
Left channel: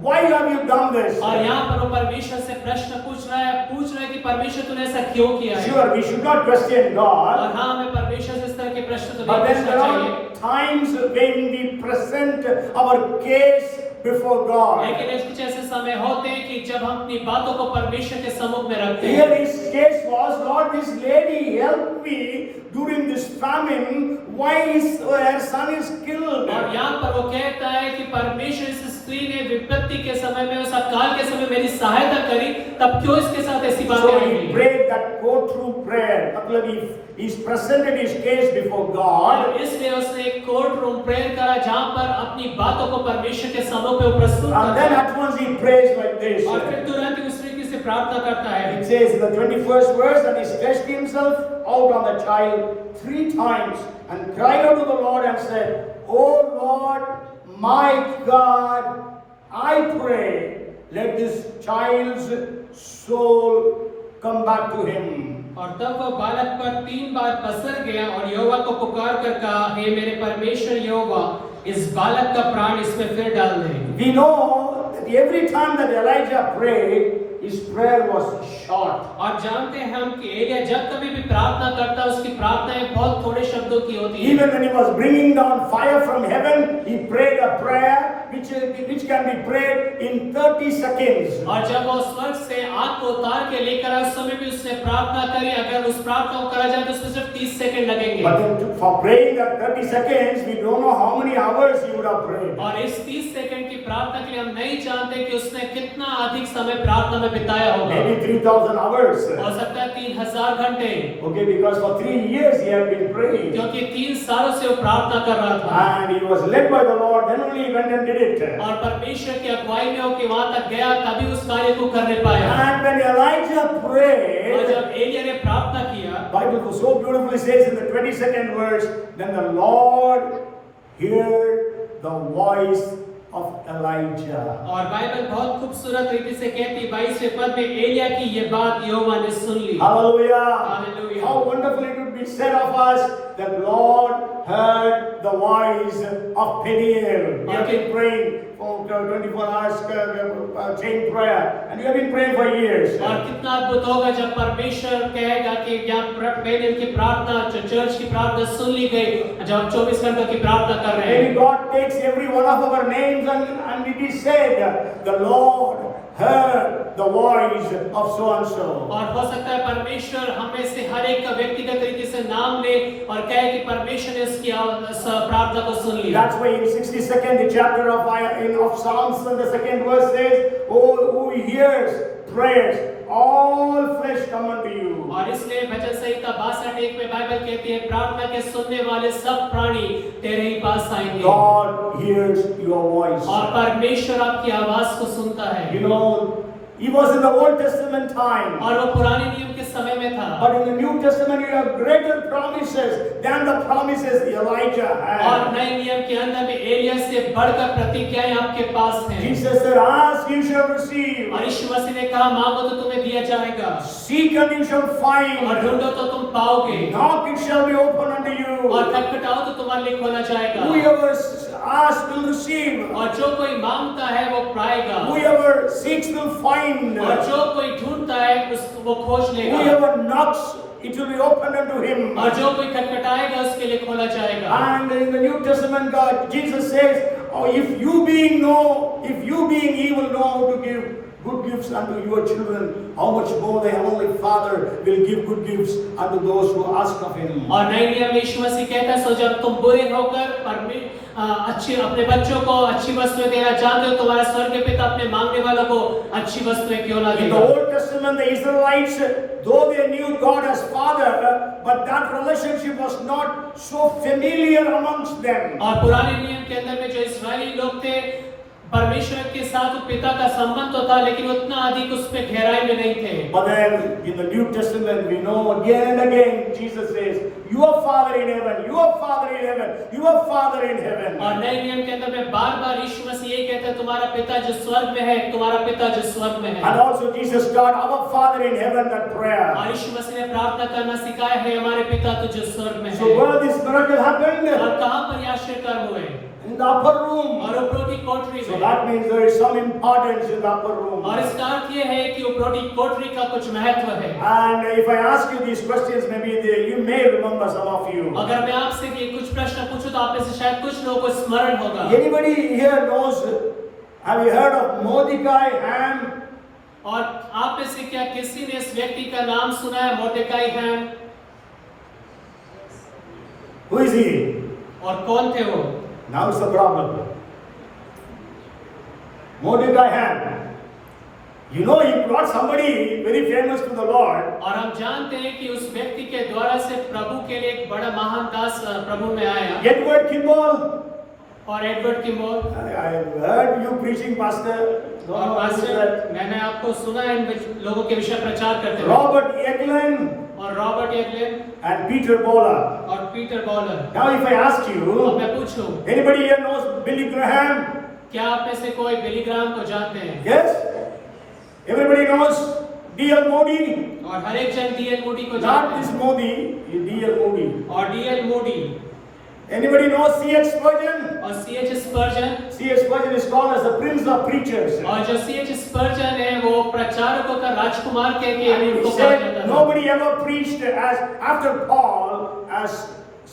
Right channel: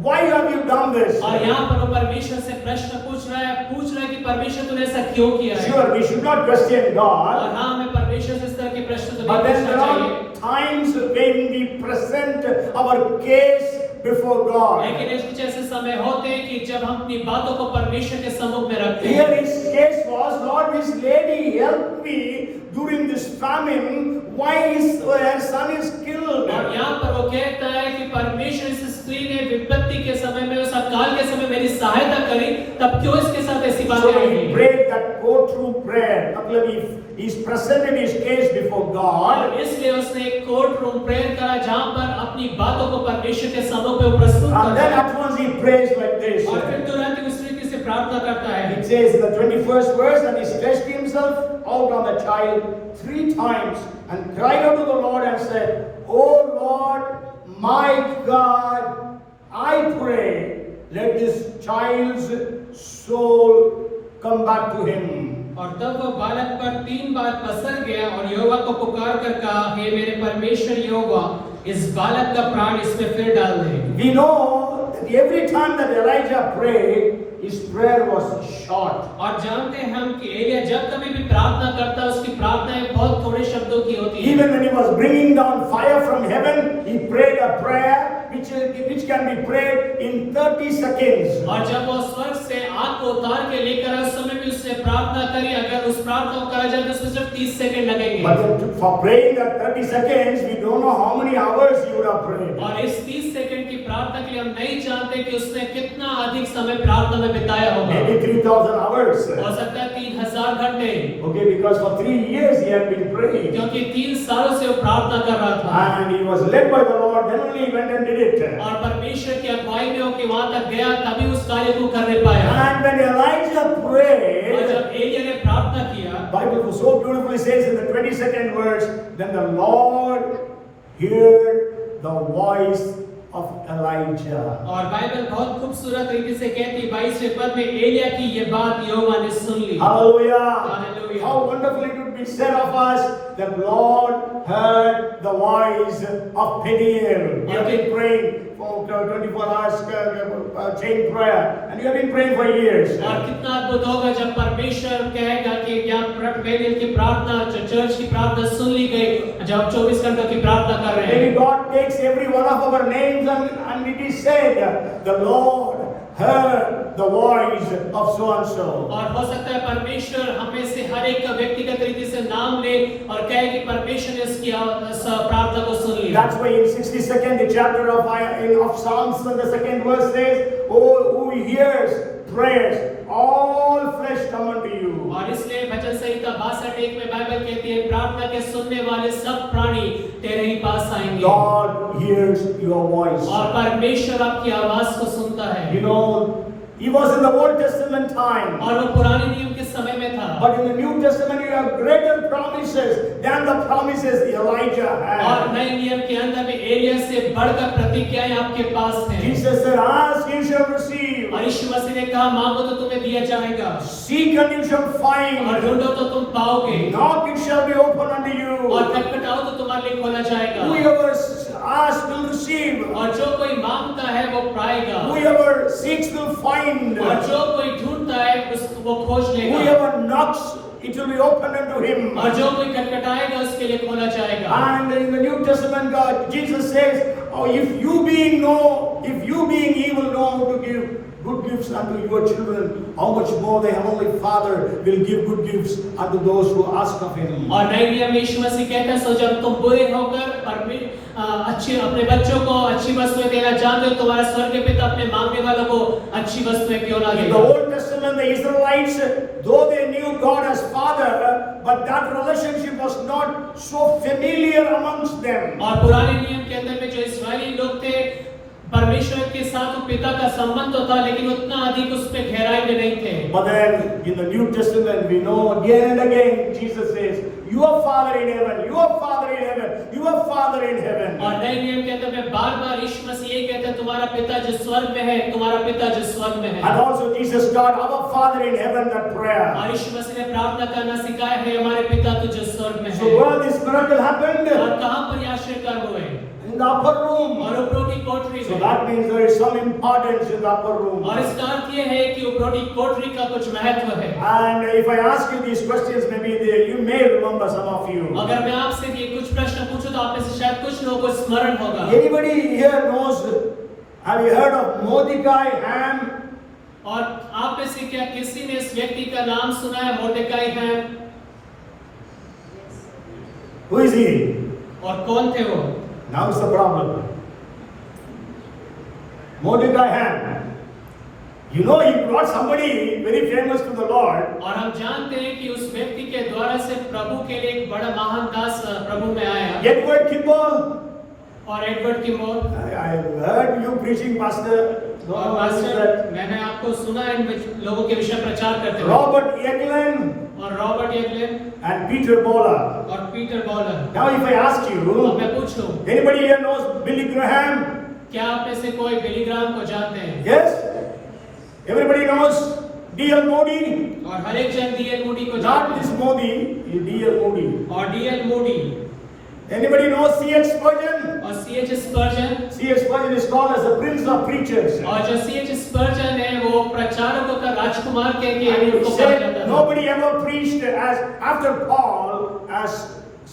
why have you done this? और यहाँ पर वो परमेश्वर से प्रश्न पूछ रहा है कि परमेश्वर तूने ऐसा क्यों किया है? Sure, we should not question God. और हाँ हमें परमेश्वर से इस तरह के प्रश्न तो But नहीं then पूछना there चाहिए। are times when we present our case before God. लेकिन ऐसे कुछ ऐसे समय होते हैं कि जब हम अपनी बातों को परमेश्वर के सम्मुख में रखते हैं। Here his case was, Lord, this lady helped me during this famine. Why is her son is killed? और यहाँ पर वो कहता है कि परमेश्वर इस स्त्री ने विपत्ति के समय में उस अकाल के समय मेरी सहायता करी, तब क्यों इसके साथ ऐसी बातें So he हुई? prayed that courtroom prayer. मतलब he's presented his case before God. और इसलिए उसने एक कोर्ट रूम प्रेयर करा जहाँ पर अपनी बातों को परमेश्वर के सम्मुख में प्रस्तुत And then करता at once he prays like this. और फिर तुरंत ही उस रीति से प्रार्थना करता है। It says in the 21st verse that he stretched himself out on the child 3 times and cried out to the Lord and said, "O Lord, my God, I pray, let this child's soul come back to him." और तब वो बालक पर 3 बार पसर गया और यहोवा को पुकार कर कहा, हे मेरे परमेश्वर यहोवा, इस बालक का प्राण इसमें फिर डाल दे। We know that every time that Elijah prayed, his prayer was short. और जानते हैं हम कि एलिया जब कभी भी प्रार्थना करता, उसकी प्रार्थनाएं बहुत थोड़े शब्दों की होती हैं। Even when he was bringing down fire from heaven, he prayed a prayer which can be prayed in 30 seconds. और जब वो स्वर्ग से आग को उतार के लेकर आए, उस समय भी उससे प्रार्थना करी। अगर उस प्रार्थना को करा जाए तो उसमें सिर्फ 30 सेकंड लगेंगे। But then for praying that 30 seconds, we don't know how many hours he would have prayed. और इस 30 सेकंड की प्रार्थना के लिए हम नहीं जानते कि उसने कितना अधिक समय प्रार्थना में बिताया होगा। Maybe 3,000 hours. हो सकता है 3000 घंटे, Okay, because for 3 years he had been praying. क्योंकि 3 सालों से वो प्रार्थना कर रहा था। And he was led by the Lord, then only he went and did it. और परमेश्वर की अगुवाई में होकर वहां तक गया, तभी उस कार्य को करने पाया। And when Elijah prayed, और जब एलिया ने प्रार्थना किया, Bible so beautifully says in the 22nd verse, then the Lord heard the voice of Elijah. और बाइबल बहुत खूबसूरत रीति से कहती 22वें पद में, एलिया की ये बात यहोवा ने सुन ली। Hallelujah. Hallelujah. How wonderful it would be said of us that Lord heard the voice of Peniel. We have been praying for 24 hours chain prayer, and you have been praying for years. और कितना अद्भुत होगा जब परमेश्वर कहेगा कि क्या पेनियल की प्रार्थना, जो चर्च की प्रार्थना सुन ली गई, जब आप 24 घंटों की प्रार्थना कर रहे हैं। Maybe God takes every one of our names and it is said, the Lord heard the voice of so and so. और हो सकता है परमेश्वर हमें से हर एक का व्यक्तिगत तरीके से नाम ले और कहे कि परमेश्वर ने उसकी प्रार्थना को सुन लिया। That's why in 62nd chapter of Psalms, the second verse says, "Oh, who hears prayers, all flesh come unto you." और इसलिए भजन संहिता 62:1 में बाइबल कहती है, प्रार्थना के सुनने वाले सब प्राणी तेरे ही पास आएंगे। God hears your voice. और परमेश्वर आपकी आवाज को सुनता है। You know, he was in the Old Testament time. और वो पुराने नियम के समय में था। But in the New Testament, you have greater promises than the promises Elijah और had. नए नियम के अंदर में एलिया से बढ़कर प्रतिज्ञाएं आपके पास हैं। Jesus said, "Ask, you shall receive. और यीशु मसीह ने कहा, मांगो तो तुम्हें दिया जाएगा, Seek, and you shall और find. ढूंढो तो तुम पाओगे, Knock, it shall be opened unto you. और खटखटाओ तो तुम्हारे लिए खोला जाएगा। Whoever asks will receive. और जो कोई मांगता है वो पाएगा, Whoever seeks will find. और जो कोई ढूंढता है वो खोज लेगा, Whoever knocks, it will be opened unto him. और जो कोई खटखटाएगा उसके लिए खोला जाएगा। And in the New Testament, God, Jesus says, "Oh, if you being evil know how to give good gifts unto your children, how much more the Heavenly Father will give good gifts unto those who ask of Him." और नए नियम यीशु मसीह कहता है, सो जब तुम बुरे होकर अच्छे अपने बच्चों को अच्छी वस्तुएं देना जानते हो, तुम्हारा स्वर्गीय पिता अपने मांगने वालों को अच्छी वस्तुएं क्यों ना In the देगा। Old Testament, the Israelites, though they knew God as Father, but that relationship was not so familiar amongst them. और पुराने नियम के अंदर में जो इस्राएली लोग थे, परमेश्वर के साथ पिता का संबंध तो था, लेकिन उतना अधिक उस पे गहराई में नहीं थे। But then in the New Testament, we know again and again, Jesus says, "Your Father in heaven, your Father in heaven, your Father in heaven." और नए नियम के अंदर में बार-बार यीशु मसीह ये कहता है, तुम्हारा पिता जो स्वर्ग में है, तुम्हारा पिता जो स्वर्ग में है। And also Jesus taught our Father in heaven that prayer. और यीशु मसीह ने प्रार्थना करना सिखाया है, हमारे पिता तू जो स्वर्ग में So है। where this miracle happened? और कहाँ पर ये आश्चर्यकार हुए? In the upper room. और उपरोटी कोठरी So में। that means there is some importance in the upper room. और इसका अर्थ ये है कि उपरोटी कोठरी का कुछ महत्व है। And if I ask you these questions, maybe you may remember some of you. अगर मैं आपसे ये कुछ प्रश्न पूछूं तो आप में से शायद कुछ लोगों को स्मरण होगा। Anybody here knows? Have you heard of Mordecai Ham? और आप में से क्या किसी ने इस व्यक्ति का नाम सुना है, मोर्देकाई है? Who is he? और कौन थे वो? Now is the problem. Mordecai Ham. You know, he brought somebody very famous to the Lord. और हम जानते हैं कि उस व्यक्ति के द्वारा से प्रभु के लिए एक बड़ा महान दास प्रभु में आया। Edward Kimball. और Edward Kimball. I heard you preaching, Pastor. और मास्टर, मैंने आपको सुना इन लोगों के विषय प्रचार करते हुए। Robert Eglin और रॉबर्ट एगलिन and Peter Bola. और Peter bowler. Now, if I ask अब you, मैं पूछूं, anybody here knows Billy Graham? क्या आप में से कोई बिली ग्राहम को जानते हैं? Yes. Everybody knows D.L. Moody. और हर एक जन डीएल मूडी को Not जानते this हैं। Modi, D.L. Moody. और DL Moody. Anybody know C.H. Spurgeon? और C.H. स्पर्जन, C.H. Spurgeon is called as the prince of preachers. और जो C.H. स्पर्जन है वो प्रचारकों का राजकुमार कह के And he उनको कहा said जाता था। nobody ever preached as after Paul as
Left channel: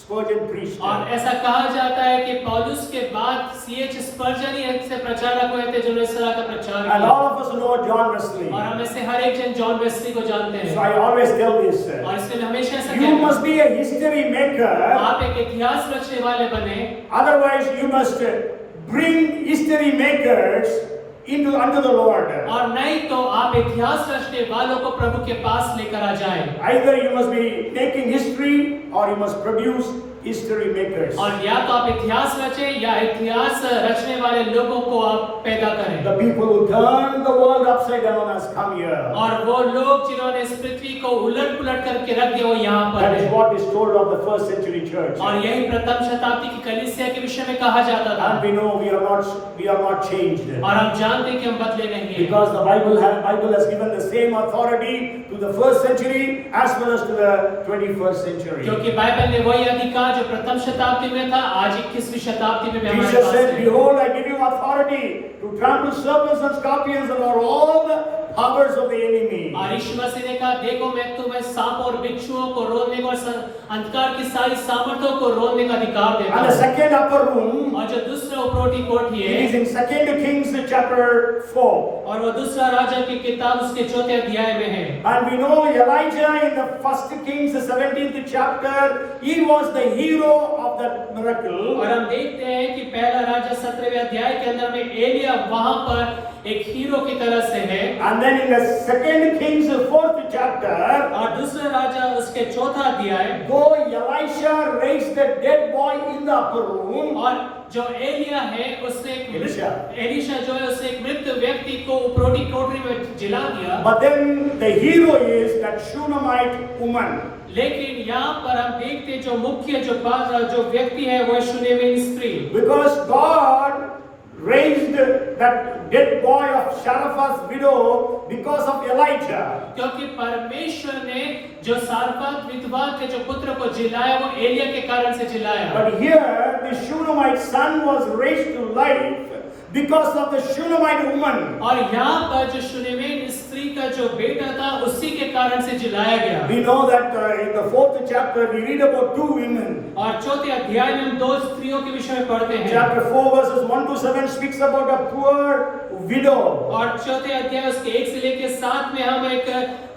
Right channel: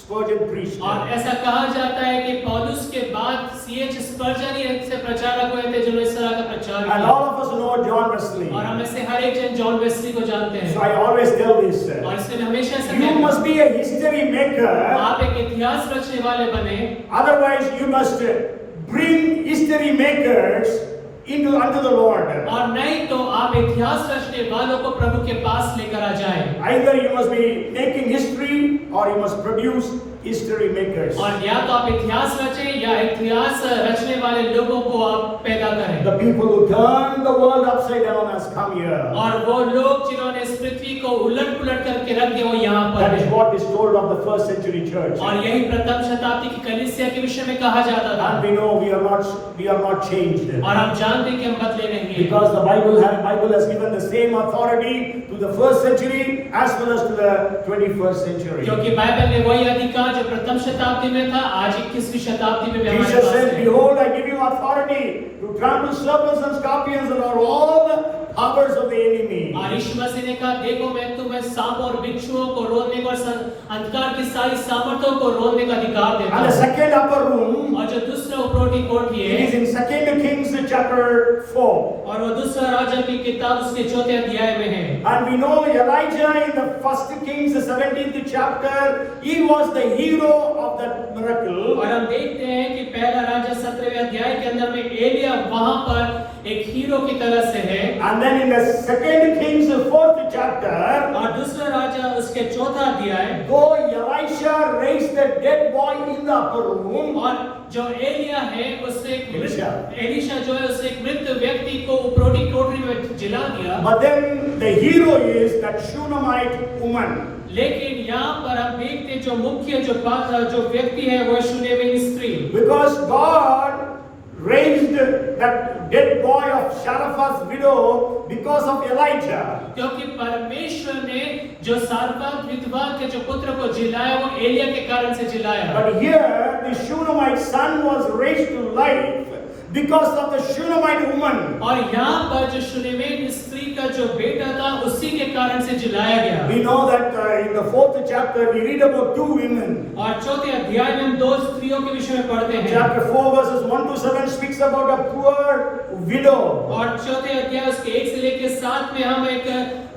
Spurgeon preached. और ऐसा कहा जाता है कि पौलुस के बाद C.H. स्पर्जन ही ऐसे प्रचारक हुए थे जो इस तरह का प्रचार And किया। all of us know John Wesley. और हम में से हर एक जन जॉन वेस्ली को जानते So हैं। I always tell this. और इसलिए हमेशा ऐसा You कहते must be a history maker. आप एक इतिहास रचने वाले बने, Otherwise, you must bring history makers unto the Lord. और नहीं तो आप इतिहास रचने वालों को प्रभु के पास लेकर आ जाएं। Either you must be making history or you must produce history makers. और या तो आप इतिहास रचें या इतिहास रचने वाले लोगों को आप पैदा करें। The people who turn the world upside down has come here. और वो लोग जिन्होंने इस पृथ्वी को उलट-पुलट करके रख दिया वो यहाँ पर That is हैं। what is told of the first century church. और यही प्रथम शताब्दी की कलीसिया के विषय में कहा जाता था। And we know we are not changed. और हम जानते हैं कि हम बदले नहीं हैं। Because the Bible has given the same authority to the first century as well as to the 21st century. क्योंकि बाइबल ने वही अधिकार जो प्रथम शताब्दी में था आज 21वीं शताब्दी में भी हमारे Jesus पास said, है। behold, I give you authority to trample serpents and scorpions and over all the powers of the enemy. और यीशु मसीह ने कहा देखो मैं तुम्हें सांप और बिच्छुओं को रोकने और अंधकार की सारी सामर्थ्यों को रोकने का अधिकार देता And the हूं। second upper room, और जो दूसरा उपरोटी कोठी it is है in 2 Kings chapter 4. और वो दूसरा राजा की किताब उसके 4थे अध्याय में है। And we know Elijah in the 1 Kings 17th chapter, he was the hero of that miracle. और हम देखते हैं कि पहला राजा 17वें अध्याय के अंदर में एलिया वहां पर एक हीरो की तरह से है। And then in the 2 Kings 4th chapter, और दूसरा राजा उसके 4था अध्याय, though Elisha raised the dead boy in the upper room, और जो एलिया है उसने एलीशा। एलीशा जो है उसने एक मृत व्यक्ति को उपरोटी कोठरी में जिला दिया। but then the hero is that Shunammite woman. लेकिन यहाँ पर हम देखते हैं जो मुख्य जो व्यक्ति है वो शूनेमिन स्त्री। Because God raised that dead boy of Zarephath's widow because of Elijah. क्योंकि परमेश्वर ने जो सारफत विधवा के जो पुत्र को जिलाया वो एलिया के कारण से जिलाया। But here the Shunammite son was raised to life because of the Shunammite woman. और यहाँ पर जो शूनेमिन स्त्री का जो बेटा था उसी के कारण से जिलाया गया। We know that in the 4th chapter we read about two women. और 4थे अध्याय में हम दो स्त्रियों के विषय में पढ़ते हैं। Chapter 4 verses 1 to 7 speaks about a poor widow. और 4थे अध्याय उसके 1 से लेकर 7 में हम एक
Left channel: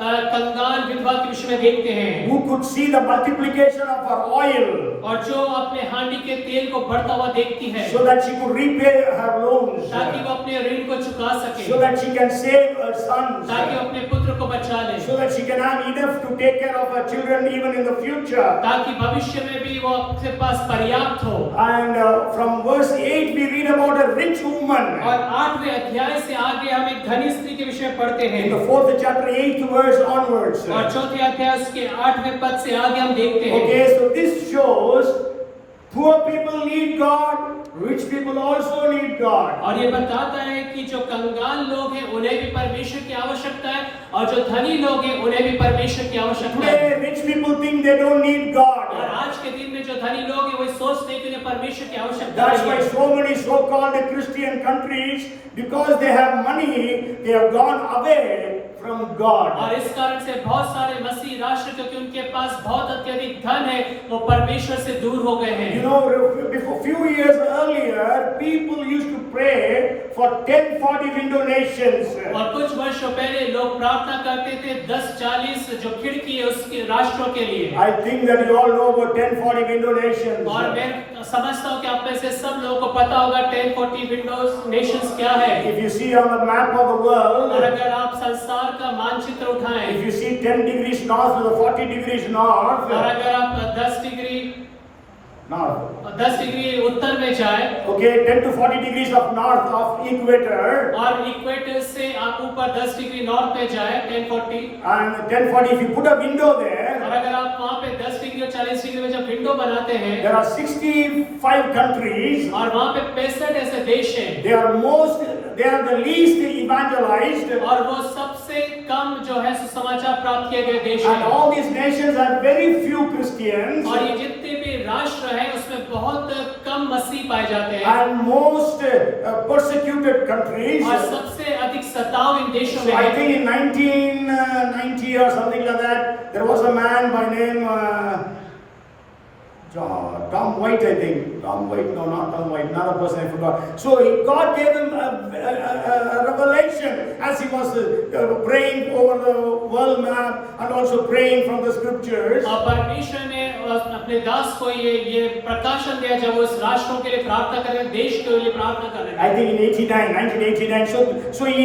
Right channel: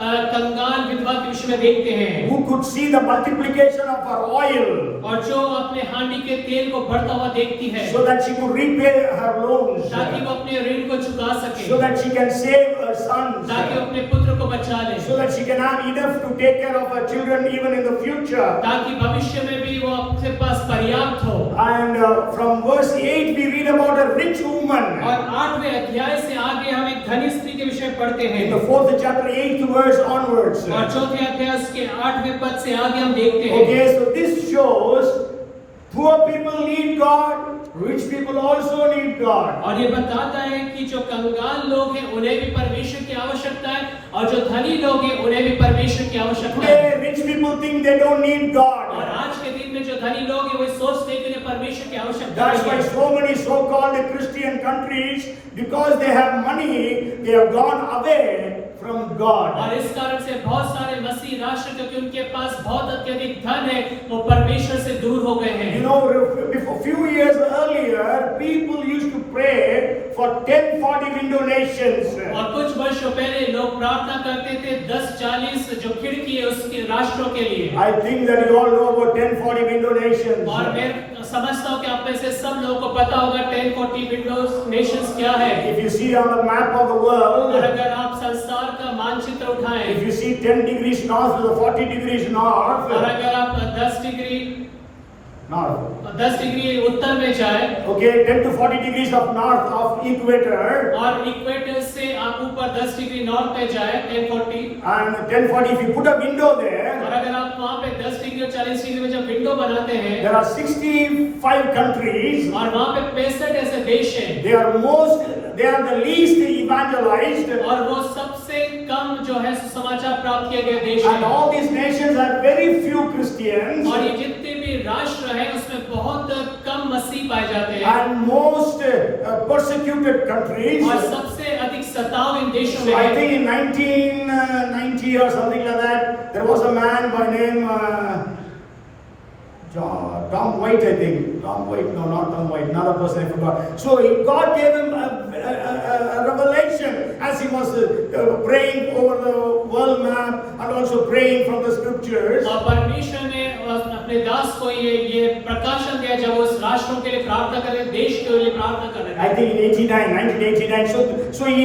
कंगाल विधवा के विषय में देखते हैं। Who could see the multiplication of her oil और जो अपने हांडी के तेल को बढ़ता हुआ देखती है so that she could repay her loans, ताकि वो अपने ऋण को चुका सके, so that she can save her sons, ताकि वो अपने पुत्र को बचा ले, so that she can have enough to take care of her children even in the future. ताकि भविष्य में भी वो अपने पास पर्याप्त हो। And from verse 8 we read about a rich woman. और 8वें अध्याय से आगे हम एक धनी स्त्री के विषय में पढ़ते हैं। In the 4th chapter 8th verse onwards. और 4थे अध्याय उसके 8वें पद से आगे हम देखते हैं। Okay, so this shows poor people need God, rich people also need God. और ये बताता है कि जो कंगाल लोग हैं उन्हें भी परमेश्वर की आवश्यकता है और जो धनी लोग हैं उन्हें भी परमेश्वर की आवश्यकता है। Today rich people think they don't need God. और आज के दिन में जो धनी लोग हैं वो सोचते हैं कि उन्हें परमेश्वर की आवश्यकता That's why है। so many so-called Christian countries, because they have money, they have gone away from God. और इस कारण से बहुत सारे मसीह राष्ट्र क्योंकि उनके पास बहुत अत्यधिक धन है वो परमेश्वर से दूर हो गए हैं। You know, before few years earlier, people used to pray for 10-40 window nations. और कुछ वर्षों पहले लोग प्रार्थना करते थे 10-40 जो खिड़की है उसके राष्ट्रों के लिए। I think that you all know about 10-40 window nations. और मैं समझता हूँ कि आप में से सब लोगों को पता होगा 10-40 विंडोज नेशंस क्या है। If you see on the map of the world, और अगर आप संसार का मानचित्र उठाएं, if you see 10 degrees north to the 40 degrees north, और अगर आप 10 डिग्री उत्तर में जाए, okay, 10 to 40 degrees of north of equator, और इक्वेटर से आप ऊपर 10 डिग्री नॉर्थ में जाए 1040, and 1040, if you put a window there, और अगर आप वहाँ पे 10 डिग्री और 40 डिग्री में जब विंडो बनाते हैं there are 65 countries. और वहाँ पे 65 ऐसे देश हैं They are the least evangelized. और वो सबसे कम जो है सुसमाचार प्राप्त किए गए देश And हैं all these nations have very few Christians. और ये जितने भी राष्ट्र हैं उसमें बहुत कम मसीह पाए जाते हैं And most persecuted countries. और सबसे अधिक सताव इन देशों So में I है think in 1990 or something like that, there was a man by name Tom White, I think. Tom White, no, not Tom White, another person I forgot. So God gave him a revelation as he was praying over the world map and also praying from the scriptures. और परमेश्वर ने अपने दास को ये प्रकाशन दिया जब वो इस राष्ट्रों के लिए प्रार्थना कर रहे देश के लिए प्रार्थना कर रहे I think in 1989. So he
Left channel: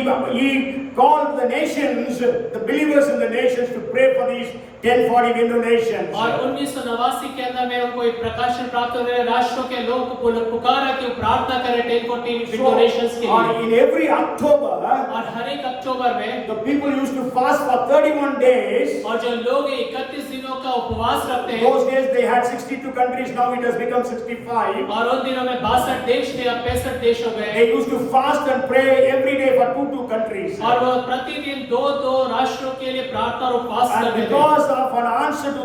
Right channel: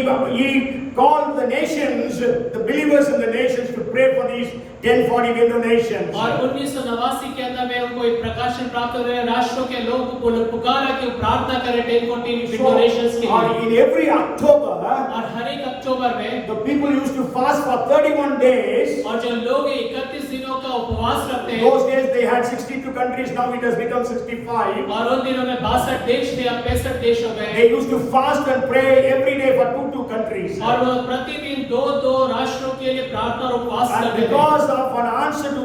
called the nations, the believers in the nations, to pray for these 1040 window nations. और 1989 के अंदर में उनको एक प्रकाशन प्राप्त हो गया राष्ट्रों के लोग को पुकारा कि प्रार्थना करें 1040 विंडो नेशंस के लिए In every October, और हर एक अक्टूबर में the people used to fast for 31 days. और जो लोग 31 दिनों का उपवास रखते हैं Those days they had 62 countries, now it has become 65. और उन दिनों में 62 देश थे अब 65 देश हो गए They used to fast and pray every day for two countries. और वो प्रतिदिन दो राष्ट्रों के लिए प्रार्थना और उपवास And करते थे because of an answer to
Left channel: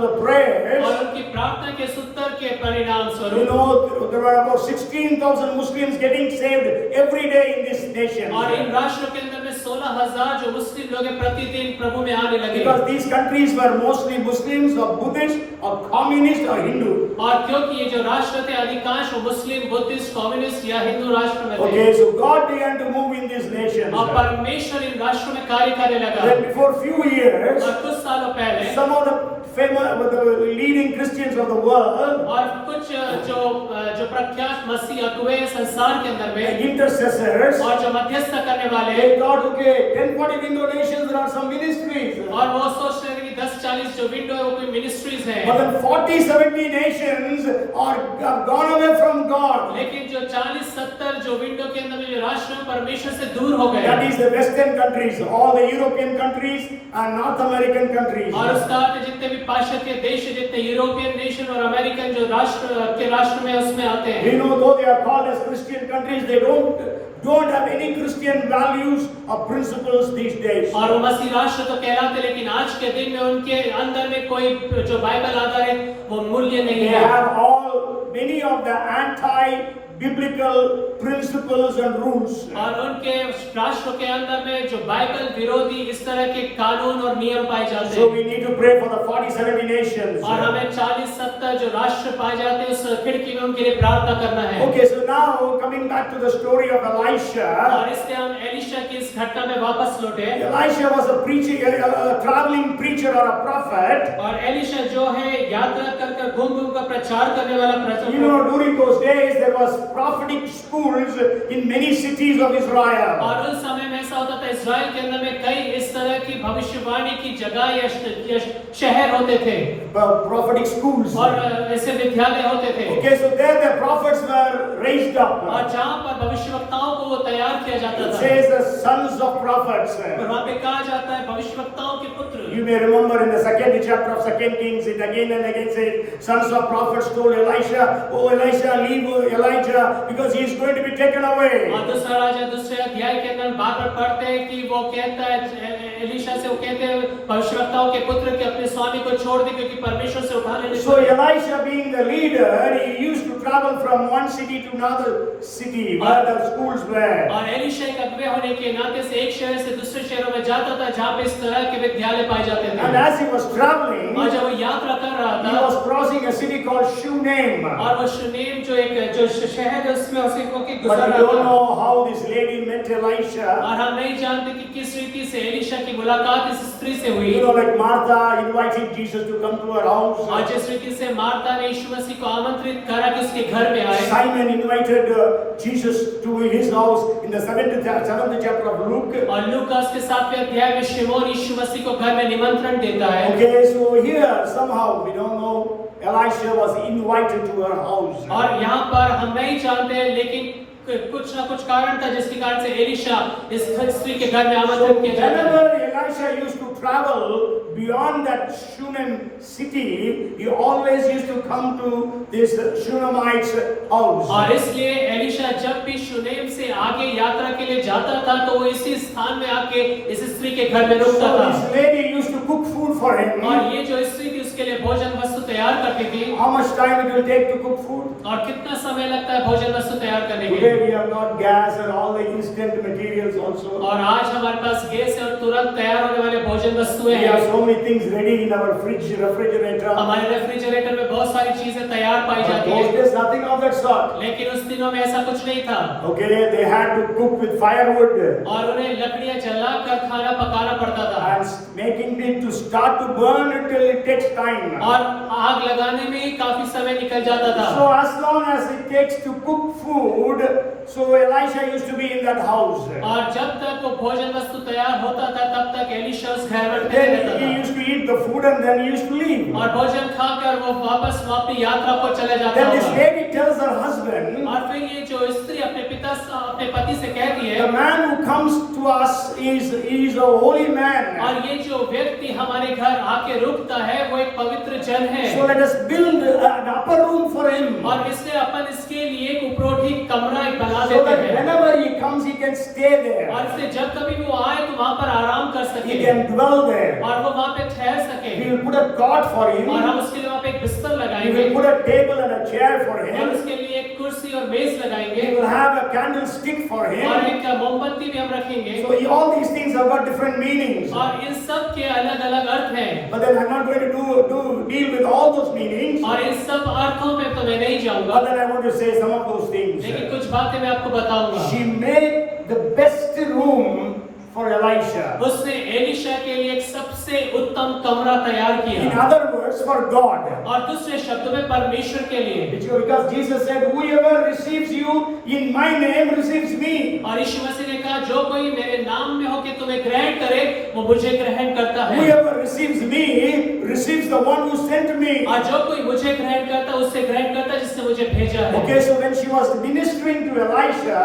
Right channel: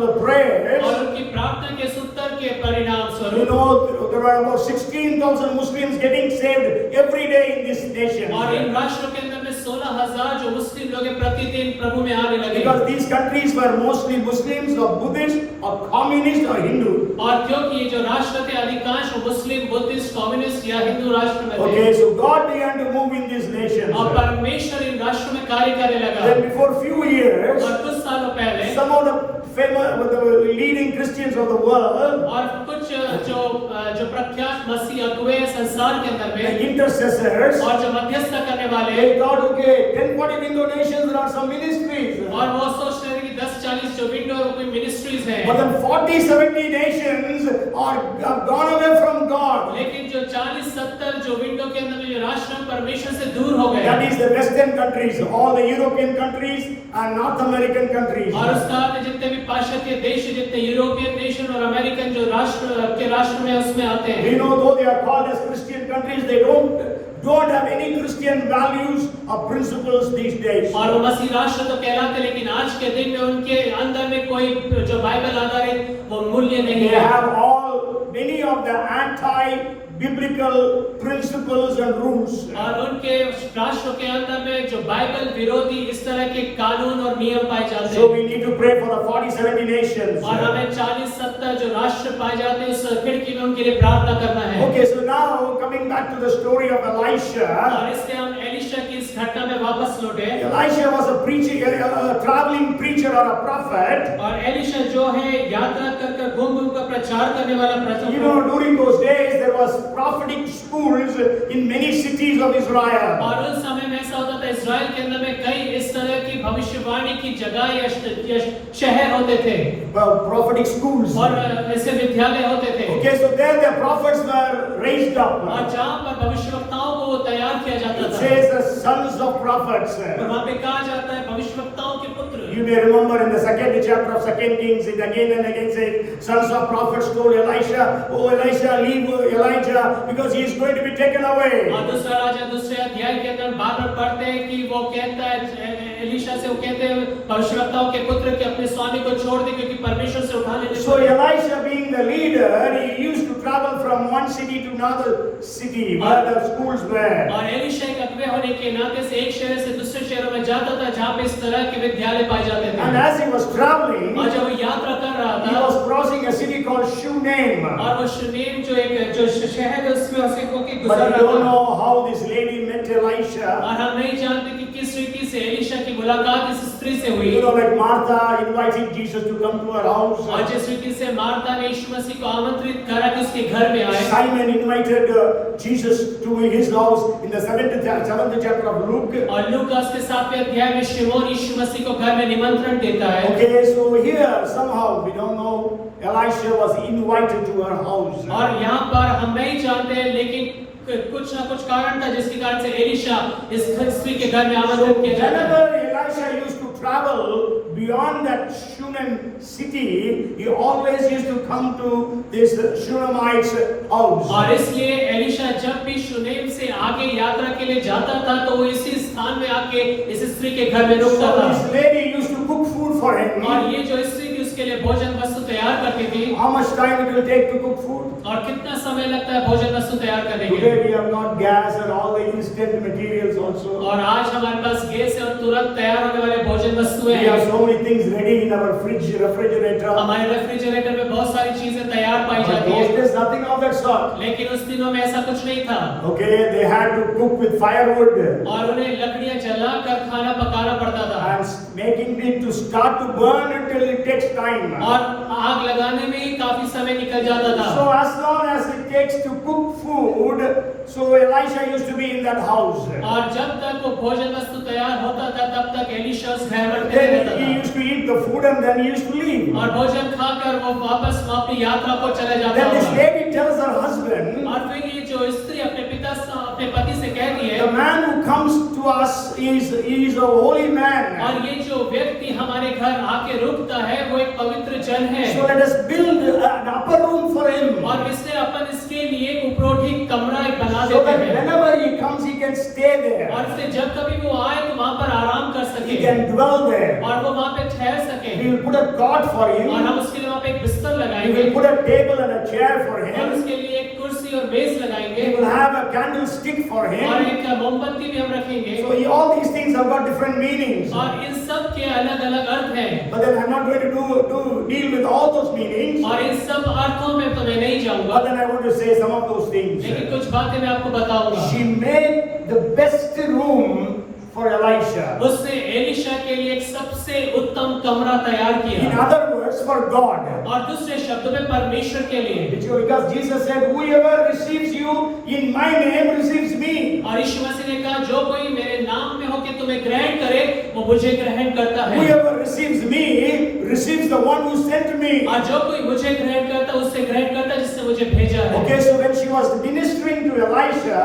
the prayers, और उनकी प्रार्थना के उत्तर के परिणाम you स्वरूप know, there were about 16,000 Muslims getting saved every day in this nation. और इन राष्ट्रों के अंदर में 16,000 जो मुस्लिम लोग हैं प्रतिदिन प्रभु में आने लगे Because these countries were mostly Muslims or Buddhists or communists or Hindu. और क्योंकि ये जो राष्ट्र थे अधिकांश मुस्लिम बुद्धिस्ट कम्युनिस्ट या हिंदू राष्ट्र में थे Okay, so God began to move in these nations. और परमेश्वर इन राष्ट्रों में कार्य करने लगा Then before few years, और कुछ सालों पहले some of the leading Christians of the world, और कुछ जो प्रख्यात मसीह अगुवे संसार के अंदर the में intercessors, और जो मध्यस्थ करने वाले they thought, okay, 1040 window nations, there are some ministries. और वो सोच रहे थे कि 10-40 जो विंडो है वो कोई मिनिस्ट्रीज हैं But then 40-70 nations have gone away from God. लेकिन जो 40-70 जो विंडो के अंदर में जो राष्ट्र हैं, परमेश्वर से दूर हो गए That is the Western countries, all the European countries and North American countries. और उस काल में जितने भी पाश्चात्य देश जितने यूरोपियन नेशन और अमेरिकन जो राष्ट्र में उसमें आते हैं We know though they are called as Christian countries, they don't have any Christian values or principles these days. और वो मसीह राष्ट्र तो कहलाते हैं लेकिन आज के दिन में उनके अंदर में कोई जो बाइबल आधारित वो मूल्य नहीं They है have many of the anti-biblical principles and rules. और उनके राष्ट्रों के अंदर में जो बाइबल विरोधी इस तरह के कानून और नियम पाए जाते So हैं we need to pray for the 40-70 nations. और हमें 40-70 जो राष्ट्र पाए जाते हैं उस खिड़की में उनके लिए प्रार्थना करना है Okay, so now coming back to the story of Elisha. और इसलिए हम एलिशा की इस घटना में वापस लौटे Elisha was a preacher, a traveling preacher or a prophet. और एलिशा जो है यात्रा कर घूम कर प्रचार करने वाला You प्रचारक know, during those days there was prophetic schools in many cities of Israel. और उस समय में ऐसा होता था इस्राएल के अंदर में कई इस तरह की भविष्यवाणी की जगह या शहर होते थे Prophetic schools. और ऐसे विद्यालय होते थे Okay, so there the prophets were raised up. और जहाँ पर भविष्यवक्ताओं को वो तैयार किया जाता It था says the sons of prophets. और वहाँ पे कहा जाता है भविष्यवक्ताओं के पुत्र You may remember in the second chapter of 2 Kings, it again and again says, sons of prophets told Elisha, oh Elisha, leave Elijah because he is going to be taken away. और दूसरा राजा दूसरे अध्याय के अंदर बार-बार पढ़ते हैं कि वो कहता है एलिशा से वो कहते हैं भविष्यवक्ताओं के पुत्र के अपने स्वामी को छोड़ दे क्योंकि परमेश्वर से उठा लेने So Elisha being the leader, he used to travel from one city to another city where the schools were. और एलिशा एक अगुवा होने के नाते से एक शहर से दूसरे शहरों में जाता था जहाँ पे इस तरह के विद्यालय पाए जाते थे And as he was traveling, और जब वो यात्रा कर रहा he था was crossing a city called Shunem. और वो शुनेम जो शहर है उसमें उसे को के गुजर But we रहा don't था know how this lady met Elisha. और हम नहीं जानते कि किस रीति से एलिशा की मुलाकात इस स्त्री से हुई You know, like Martha invited Jesus to come to her house. और जिस रीति से मार्था ने यीशु मसीह को आमंत्रित करा कि उसके घर में आए Simon invited Jesus to his house in the 7th chapter of Luke. और लूका उसके 7वें अध्याय में शिमोन यीशु मसीह को घर में निमंत्रण देता है Okay, so here somehow we don't know Elisha was invited to her house. और यहाँ पर हम नहीं जानते लेकिन कुछ ना कुछ कारण था जिसके कारण से एलिशा इस स्त्री के घर में So आमंत्रित किया जाता है whenever Elisha used to travel beyond that Shunem city, he always used to come to this Shunamite's house. और इसलिए एलिशा जब भी शुनेम से आगे यात्रा के लिए जाता था तो वो इसी स्थान में आके इस स्त्री के घर में रुकता So था। this lady used to cook food for him. और ये जो स्त्री थी उसके लिए भोजन वस्तु तैयार करती थी। How much time it will take to cook food? और कितना समय लगता है भोजन वस्तु तैयार करने के Today लिए? we have got gas and all the instant materials also. और आज हमारे पास गैस है और तुरंत तैयार होने वाले भोजन वस्तुएं We have हैं। so many things ready in our refrigerator. हमारे रेफ्रिजरेटर में बहुत सारी चीजें तैयार पाई जाती Those है। days nothing of that sort. लेकिन उस दिनों में ऐसा कुछ नहीं था। Okay, they had to cook with firewood और उन्हें लकड़ियां जलाकर खाना पकाना पड़ता था। and making it to start to burn until it takes time. और आग लगाने में ही काफी समय निकल जाता था। So as long as it takes to cook food, so Elisha used to be in that house. और जब तक वो भोजन वस्तु तैयार होता था तब तक एलिशा उस घर में Then रहता he था। used to eat the food and then he used to leave. और भोजन खाकर वो वापस अपनी यात्रा को चले जाता Then this था। lady tells her husband, और फिर ये जो स्त्री अपने पति से कहती है, the man who comes to us is a holy man. और ये जो व्यक्ति हमारे घर आके रुकता है वो एक पवित्र जन है। So let us build an upper room for him. और इसलिए अपन इसके लिए एक उपरोठी कमरा एक बना So देते that हैं। whenever he comes, he can stay there. और इसलिए जब कभी वो आए तो वहाँ पर आराम कर He सके can dwell there. और वो वहाँ पे ठहर सके। We will put a cot for और him. हम उसके लिए वहाँ पे एक बिस्तर We लगाएंगे will put a table and a chair for और him. उसके लिए एक कुर्सी और मेज लगाएंगे We will have a candlestick for और him. एक मोमबत्ती भी हम रखेंगे। So all these things have got different meanings. और इन सब के अलग अलग अर्थ हैं। But then I'm not going to deal with all those meanings. और इन सब अर्थों में तो मैं नहीं जाऊंगा, But then I want to say some of those things. लेकिन कुछ बातें मैं आपको बताऊंगा। She made the best room for Elisha. उसने एलिशा के लिए एक सबसे उत्तम कमरा तैयार In किया other words, for God. और दूसरे शब्दों में परमेश्वर के लिए। Because Jesus said, whoever receives you in my name receives me. और यीशु मसीह ने कहा जो कोई मेरे नाम में होकर तुम्हें ग्रहण करे वो मुझे ग्रहण करता है Whoever receives me receives the one who sent me. और जो कोई मुझे ग्रहण करता है उससे ग्रहण करता है जिसने मुझे भेजा है। Okay, so when she was ministering to Elisha,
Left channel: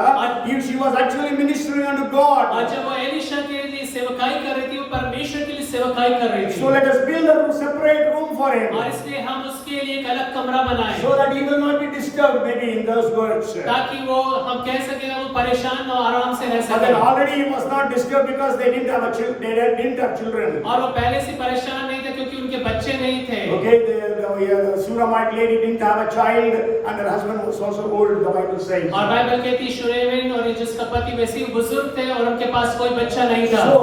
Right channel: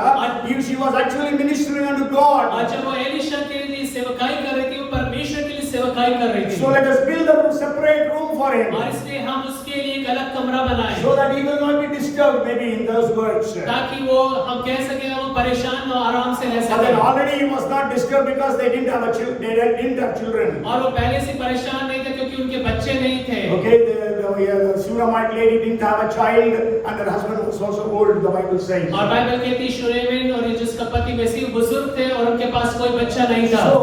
she was actually ministering unto God. और जब वो एलिशा के लिए सेवकाई कर रही थी वो परमेश्वर के लिए सेवकाई कर रही थी। So let us build a separate room for him, और इसलिए हम उसके लिए एक अलग कमरा बनाए so that he will not be disturbed maybe in those words. ताकि वो हम कह सके वो परेशान और आराम से रह But then सके। already he was not disturbed because they didn't have children. और वो पहले से परेशान नहीं थे क्योंकि उनके बच्चे नहीं थे। Okay, the Shunammite lady didn't have a child and her husband was also old, the Bible says. और बाइबल कहती शुनेमिन और जिसका पति वैसे ही बुजुर्ग थे और उनके पास कोई बच्चा नहीं था। So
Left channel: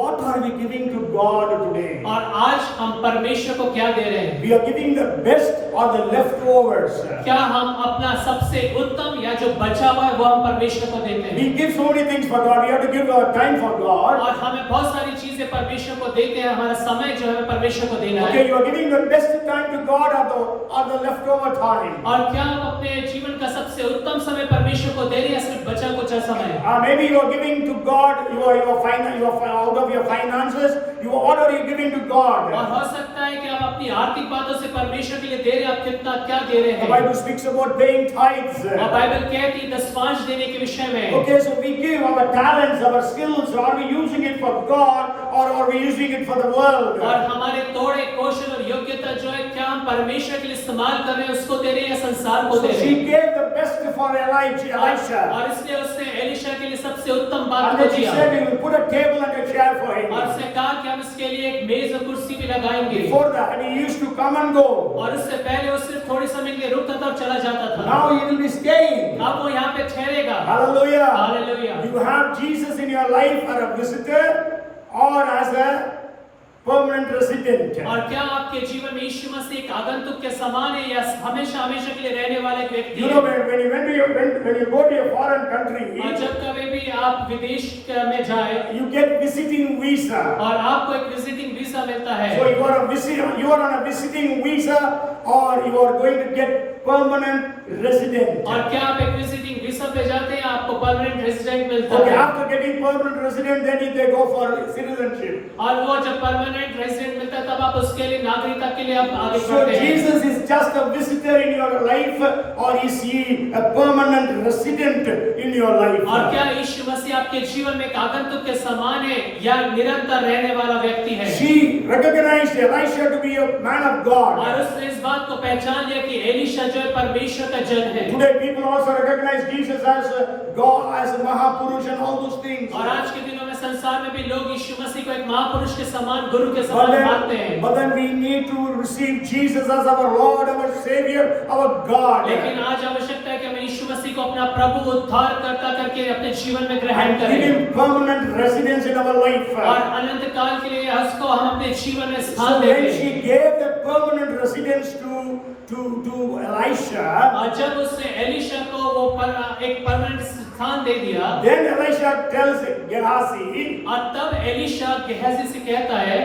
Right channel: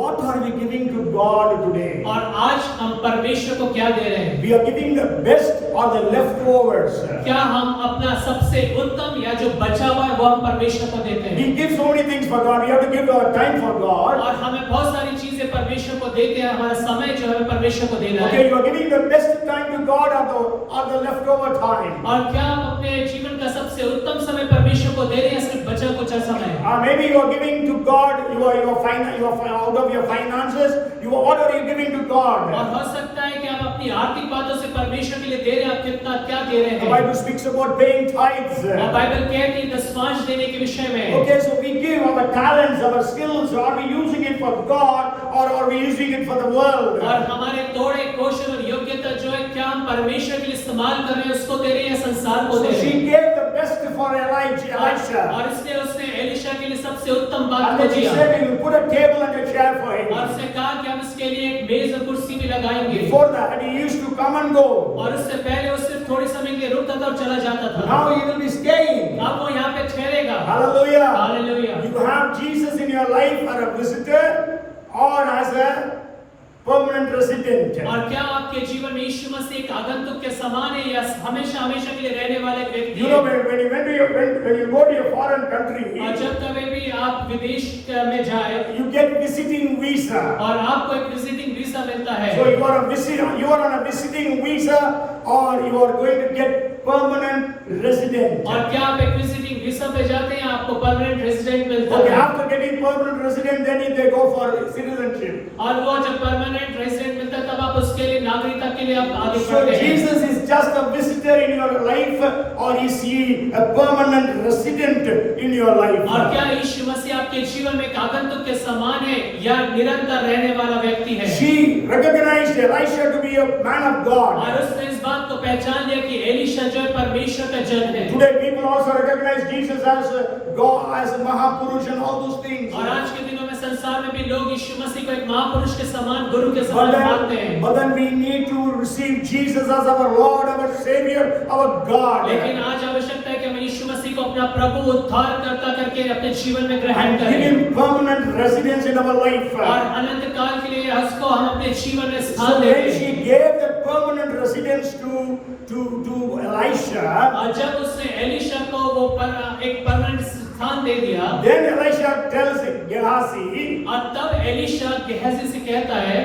what are we giving to God today? और आज हम परमेश्वर को क्या दे रहे हैं? We are giving the best or the leftovers. क्या हम अपना सबसे उत्तम या जो बचा हुआ है वो हम परमेश्वर को देते हैं? We give so many things for God. We have to give our time for God. और हमें बहुत सारी चीजें परमेश्वर को देते हैं, हमारा समय जो है परमेश्वर को देना है। Okay, you are giving the best time to God or the leftover time. और क्या हम अपने जीवन का सबसे उत्तम समय परमेश्वर को दे रहे हैं सिर्फ बचा कुचा समय? Maybe you are giving to God out of your finances. What are you giving to God? और हो सकता है कि आप अपनी आर्थिक बातों से परमेश्वर के लिए दे रहे हैं, आप कितना क्या दे रहे The हैं? Bible speaks about paying tithes. और बाइबल कहती है दशमांश देने के विषय में। Okay, so we give our talents, our skills. Are we using it for God or are we using it for the world? और हमारे तोड़े कौशल और योग्यता जो है क्या हम परमेश्वर के लिए इस्तेमाल कर रहे हैं उसको दे रहे हैं या संसार को So दे रहे she हैं? gave the best for Elisha. और इसलिए उसने एलिशा के लिए सबसे उत्तम बात And को then she दिया said, you put a table and a chair for और him. उसने कहा कि हम इसके लिए एक मेज और कुर्सी भी लगाएंगे। Before that, he used to come and go. और उससे पहले वो सिर्फ थोड़े समय के लिए रुकता था और चला जाता था। Now he will be staying. अब वो यहाँ पे ठहरेगा। Hallelujah. Hallelujah. You have Jesus in your life as a visitor or as a permanent resident. और क्या आपके जीवन में यीशु मसीह एक आगंतुक के समान है या हमेशा हमेशा के लिए रहने वाले एक व्यक्ति You है? know, when you go to a foreign country, और जब कभी भी आप विदेश में जाए you get visiting visa. और आपको एक विजिटिंग वीजा मिलता है, So you are on a visiting visa or you are going to get permanent resident. और क्या आप एक विजिटिंग वीजा पे जाते हैं आपको परमानेंट रेजिडेंट मिल मिलता Okay, है। after getting permanent resident, then they go for citizenship. और वो जब परमानेंट रेजिडेंट मिलता है तब आप उसके लिए नागरिकता के लिए आप आगे So बढ़ते हैं। Jesus is just a visitor in your life, or is he a permanent resident in your life? और क्या यीशु मसीह आपके जीवन में एक आगंतुक के समान है या निरंतर रहने वाला व्यक्ति है? She recognized Elisha to be a man of God. और उसने इस बात को पहचान लिया कि एलीशा जो है परमेश्वर का जन है। Today people also recognize Jesus as God, as Mahapurush and all those things. और आज के दिनों में संसार में भी लोग यीशु मसीह को एक महापुरुष के समान, गुरु के But समान मानते हैं। then we need to receive Jesus as our Lord, our Savior, our God. लेकिन आज आवश्यकता है कि हम यीशु मसीह को अपना प्रभु उद्धारकर्ता करके अपने जीवन में ग्रहण And give करें him permanent residence in our life. और अनंत काल के लिए उसको हम अपने जीवन में So स्थान when दें। she gave the permanent residence to Elisha, और जब उसने एलीशा को वो एक परमानेंट स्थान दे दिया, then Elisha tells Gehazi, और तब एलीशा गेहजी से कहता है,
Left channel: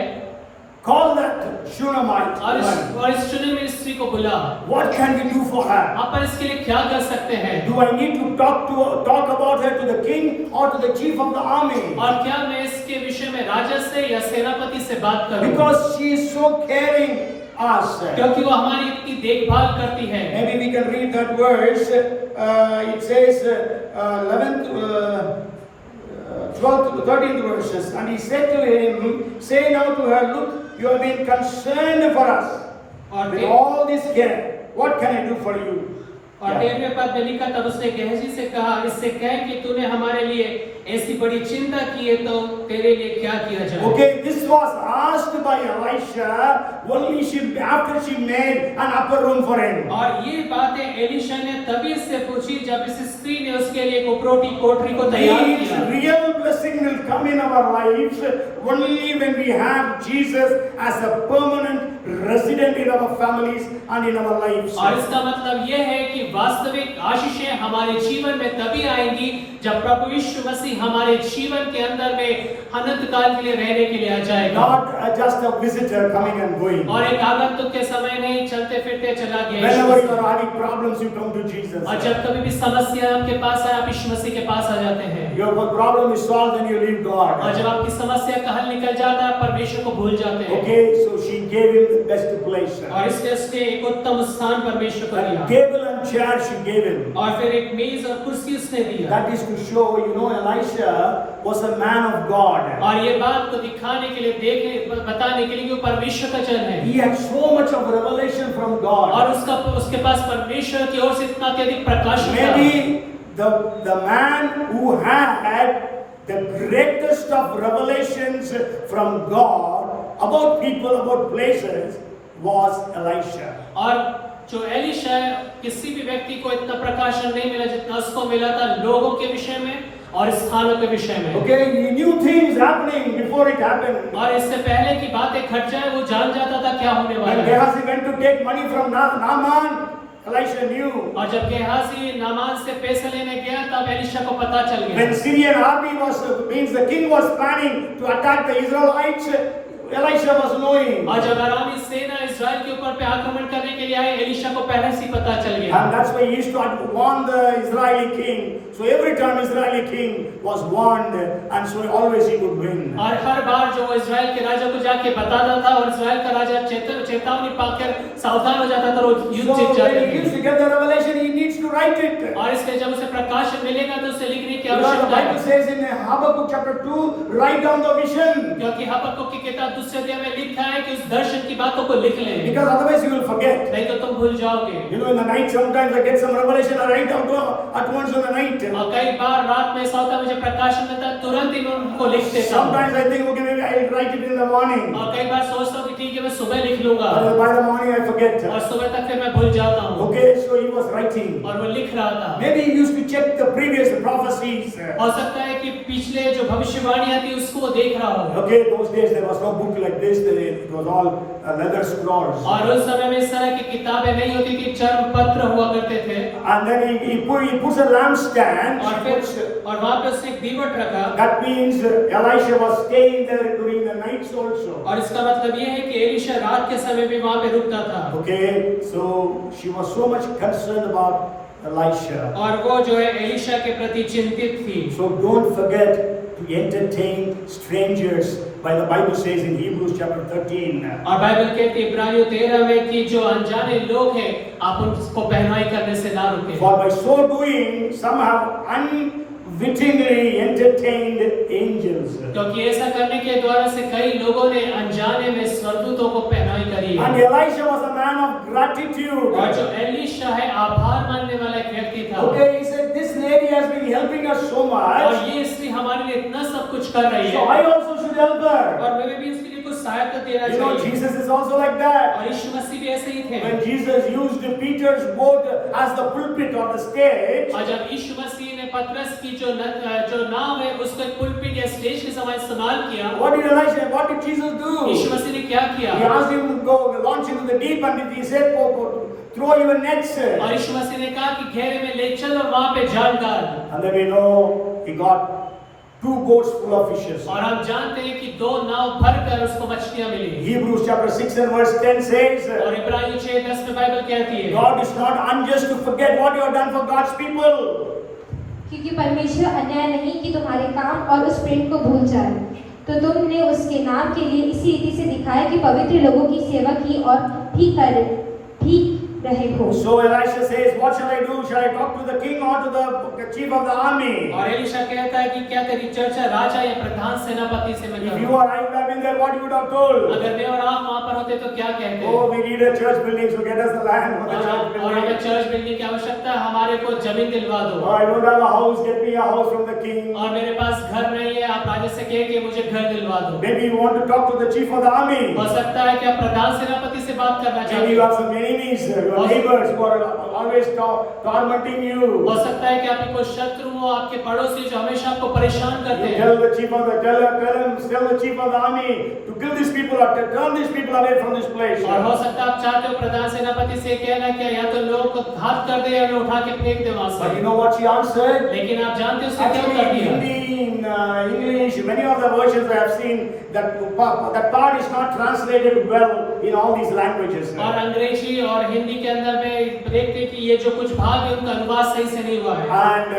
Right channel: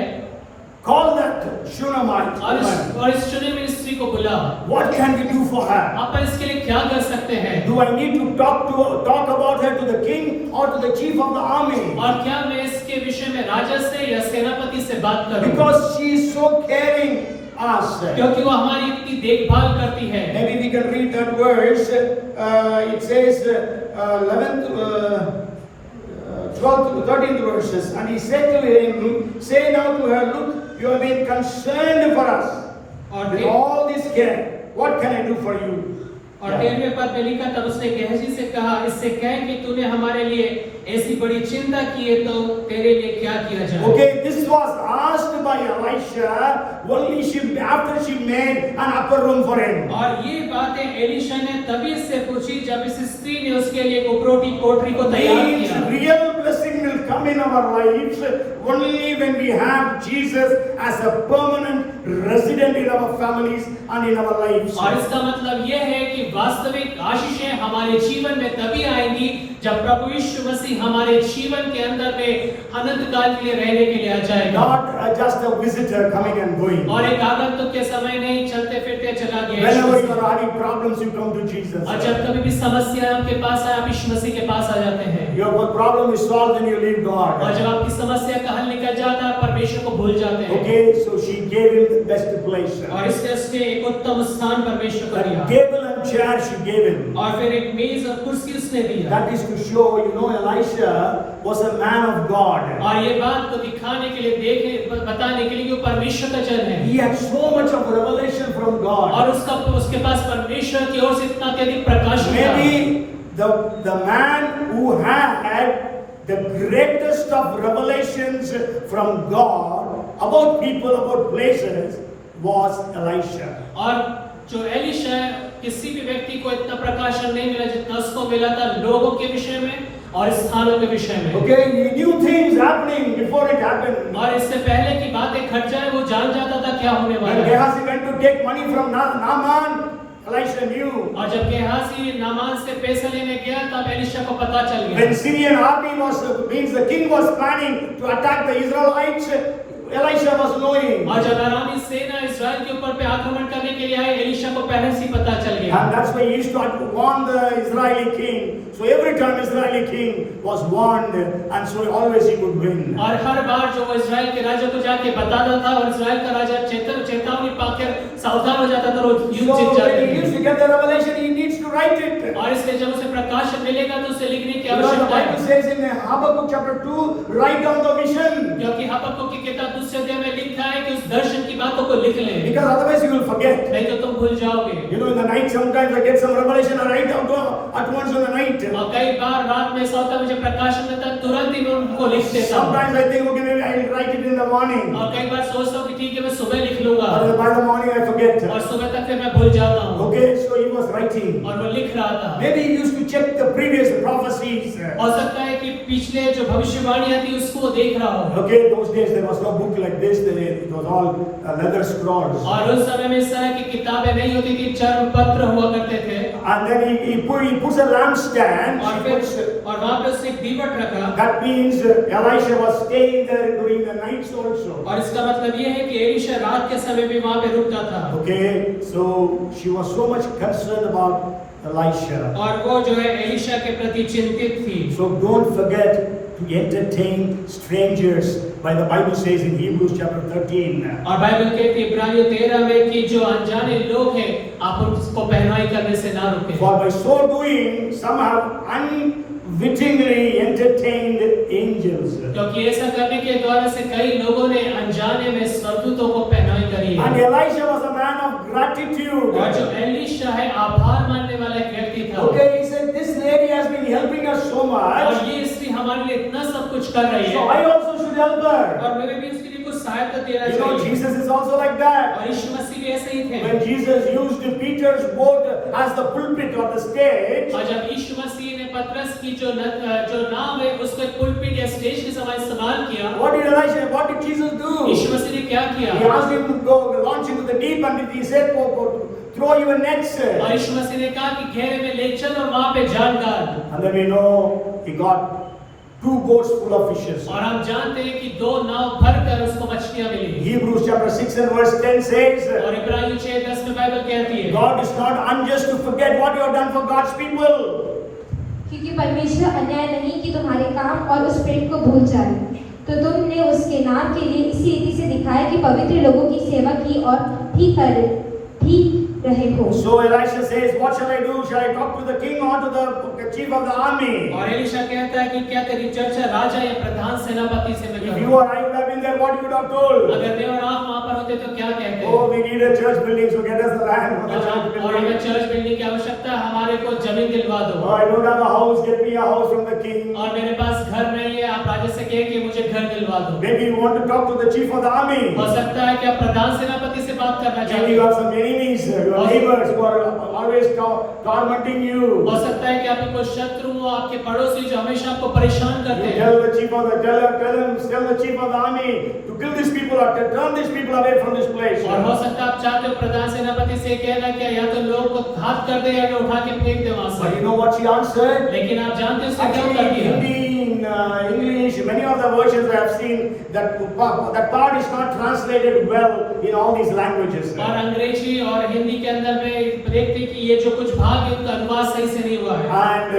call that Shunammite woman. और इस चुनी हुई स्त्री को बुला। What can we do for her? अपन इसके लिए क्या कर सकते हैं? Do I need to talk about her to the king or to the chief of the army? और क्या मैं इसके विषय में राजा से या सेनापति से बात करूं? Because she is so caring us. क्योंकि वो हमारी इतनी देखभाल करती है। Maybe we can read that verse. It says 11th, 12th to 13th verses. And he said to him, say now to her, look, you have been concerned for us. With all this care, what can I do for you? और 13वें पद में लिखा, तब उसने गेहजी से कहा, इससे कह कि तूने हमारे लिए ऐसी बड़ी चिंता की है तो तेरे लिए क्या किया जाए? Okay, this was asked by Elisha only after she made an upper room for him. और ये बातें एलीशा ने तभी से पूछी जब इस स्त्री ने उसके लिए एक उपरोटी कोठरी को तैयार Each किया। real blessing will come in our lives only when we have Jesus as a permanent resident in our families and in our lives. और इसका मतलब ये है कि वास्तविक आशीषें हमारे जीवन में तभी आएंगी जब प्रभु यीशु मसीह हमारे जीवन के अंदर में अनंत काल के लिए रहने के लिए आ जाएगा। Not just a visitor coming and going. और एक आगंतुक के समय नहीं, चलते फिरते चला गया। Whenever you are having problems, you come to Jesus. और जब कभी भी समस्या आपके पास आए, आप यीशु मसीह के पास आ जाते हैं। Your problem is solved and you leave God. और जब आपकी समस्या का हल निकल जाता है, आप परमेश्वर को भूल जाते हैं। Okay, so she gave him the best place. और इसलिए उसने एक उत्तम स्थान परमेश्वर को A दिया। table and chair she gave him. और फिर एक मेज और कुर्सी उसने दिया। That is to show, Elisha was a man of God. और ये बात को दिखाने के लिए, बताने के लिए कि वो परमेश्वर का जन है। He had so much of revelation from God. और उसके पास परमेश्वर की ओर से इतना अत्यधिक प्रकाश था। Maybe the man who had the greatest of revelations from God about people, about places, was Elisha. और जो एलीशा, किसी भी व्यक्ति को इतना प्रकाशन नहीं मिला जितना उसको मिला था लोगों के विषय में और स्थानों के विषय में। Okay, he knew things happening before it happened. और इससे पहले की बातें घट जाए वो जान जाता था क्या होने वाला When है। Gehazi went to take money from Naaman, Elisha knew. और जब गेहाजी नामान से पैसे लेने गया तब एलीशा को पता चल गया। When Syrian army means the king was planning to attack the Israelites, Elisha was knowing. और जब अरामी सेना इस्राएल के ऊपर पे आक्रमण करने के लिए आई, एलीशा को पहले से ही पता चल गया। And that's why he used to warn the Israeli king. So every time Israeli king was warned, and so always he could win. और हर बार जो वो इस्राएल के राजा को जाके बताता था और इस्राएल का राजा चेतावनी पाकर सावधान हो जाता था, वो युद्ध So जीत जाते when he थे। used to get the revelation, he needs to write it. और इसलिए जब उसे प्रकाश मिलेगा तो उसे लिखने की Because the आवश्यकता Bible है। says in Habakkuk chapter 2, write down the vision. क्योंकि हबक्कुक की किताब दूसरे अध्याय में लिखा है कि उस दर्शन की बातों को लिख ले, Because otherwise you will forget. नहीं तो तुम भूल जाओगे। In the night sometimes I get some revelation and write down at once in the night. और कई बार रात में ऐसा होता है मुझे प्रकाशन मिलता है, तुरंत ही मैं उनको लिख देता हूँ। Sometimes I think, okay, maybe I will write it in the morning. और कई बार सोचता हूँ कि ठीक है मैं सुबह लिख लूंगा, But by the morning I forget. और सुबह तक फिर मैं भूल जाता हूँ। Okay, so he was writing. और वो लिख रहा था। Maybe he used to check the previous prophecies. हो सकता है कि पिछले जो भविष्यवाणियां थी उसको देख रहा हो। Okay, those days there was no book like this. It was all leather scrolls. और उस समय में इस तरह की किताबें नहीं होती थी, चर्म पत्र हुआ करते थे। And then he puts a lampstand. और वहाँ पे उसने एक दीवट रखा। That means Elisha was staying there during the nights also. और इसका मतलब ये है कि एलीशा रात के समय भी वहाँ पे रुकता था। Okay, so she was so much concerned about Elisha. और वो जो है एलीशा के प्रति चिंतित थी। So don't forget to entertain strangers, by the Bible says in Hebrews chapter 13. और बाइबल कहती है इब्रानियों 13 में कि जो अनजाने लोग हैं आप उनको पहनाई करने से ना रुकें। For by so doing, some have unwittingly entertained angels. क्योंकि ऐसा करने के द्वारा से कई लोगों ने अनजाने में स्वर्गदूतों को पहनाई करी है। And Elisha was a man of gratitude. और जो एलीशा है आभार मानने वाला एक व्यक्ति था। Okay, he said, this lady has been helping us so much. और ये स्त्री हमारे लिए इतना सब कुछ कर रही So है। I also should help her. और मेरे भी इसके लिए कुछ सहायता देना You know, चाहिए। Jesus is also like that. और यीशु मसीह भी ऐसे ही थे। When Jesus used Peter's boat as the pulpit or the stage, और जब यीशु मसीह ने पतरस की जो नाव है उसको पुलपिट या स्टेज के समान इस्तेमाल किया। what did Jesus do? यीशु मसीह ने क्या किया? He asked him to go launch into the deep, and he said, go throw your nets. और यीशु मसीह ने कहा कि घेरे में ले चल और वहां पे जाल डाल। And then we know he got 2 boats full of fishes. और हम जानते हैं कि 2 नाव भरकर उसको मछलियां मिली। Hebrews chapter 6 and verse 10 says, और इब्रानियों 6:10 में बाइबल कहती है God is not unjust to forget what you have done for God's people. क्योंकि परमेश्वर अन्याय नहीं कि तुम्हारे काम और उस प्रेम को भूल जाए, तो तुमने उसके नाम के लिए इसी रीति से दिखाया कि पवित्र लोगों की सेवा की और ठीक रहे हो। So Elisha says, what shall I do? Shall I talk to the king or to the chief of the army? और एलीशा कहता है कि क्या तेरी चर्चा राजा या प्रधान सेनापति से मैं If करूं? you or I would have been there, what you would have told? अगर मैं और आप वहां पर होते तो क्या कहते? Oh, we need a church building, so get us the land for the church और building. हमें चर्च बिल्डिंग की आवश्यकता है, हमारे को जमीन दिलवा दो। Oh, I don't have a house, get me a house from the king. और मेरे पास घर नहीं है, आप राजा से कहें कि मुझे घर दिलवा दो। Maybe you want to talk to the chief of the army. हो सकता है कि आप प्रधान सेनापति से बात करना Maybe चाहिए। you have some enemies, your neighbors who are always tormenting you. हो सकता है कि आपके कोई शत्रु हो, आपके पड़ोसी जो हमेशा आपको परेशान करते You हैं। tell the chief of the tell the chief of the army to kill these people or to turn these people away from this place. और हो सकता है आप चाहते हो प्रधान सेनापति से कहना कि या तो लोगों को घात कर दे या उठा के फेंक दे वहां But you से। know what she answered? लेकिन आप जानते हो उसने क्या Actually, कर in दिया? Hindi, in English, many of the versions I have seen that part is not translated well in all these languages. और अंग्रेजी और हिंदी के अंदर में देखते हैं कि ये जो कुछ भाग है उनका अनुवाद सही से नहीं हुआ है।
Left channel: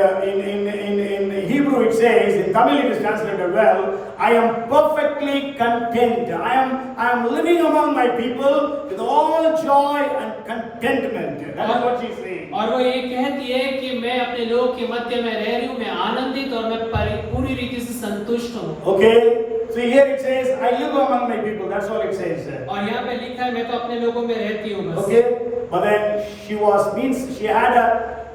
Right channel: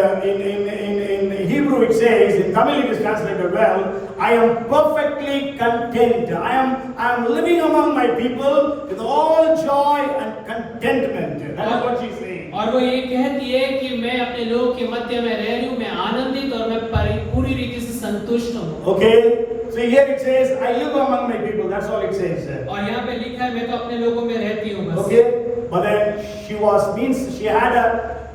And in Hebrew it says, in Tamil it is translated well, I am perfectly content. I am living among my people with all joy and contentment. That is what she's saying. और वो ये कहती है कि मैं अपने लोग के मध्य में रह रही हूँ, मैं आनंदित और मैं पूरी रीति से संतुष्ट हूँ। Okay, so here it says, I live among my people. That's all it says. और यहाँ पे लिखा है मैं तो अपने लोगों में रहती हूँ बस। Okay, but then she had a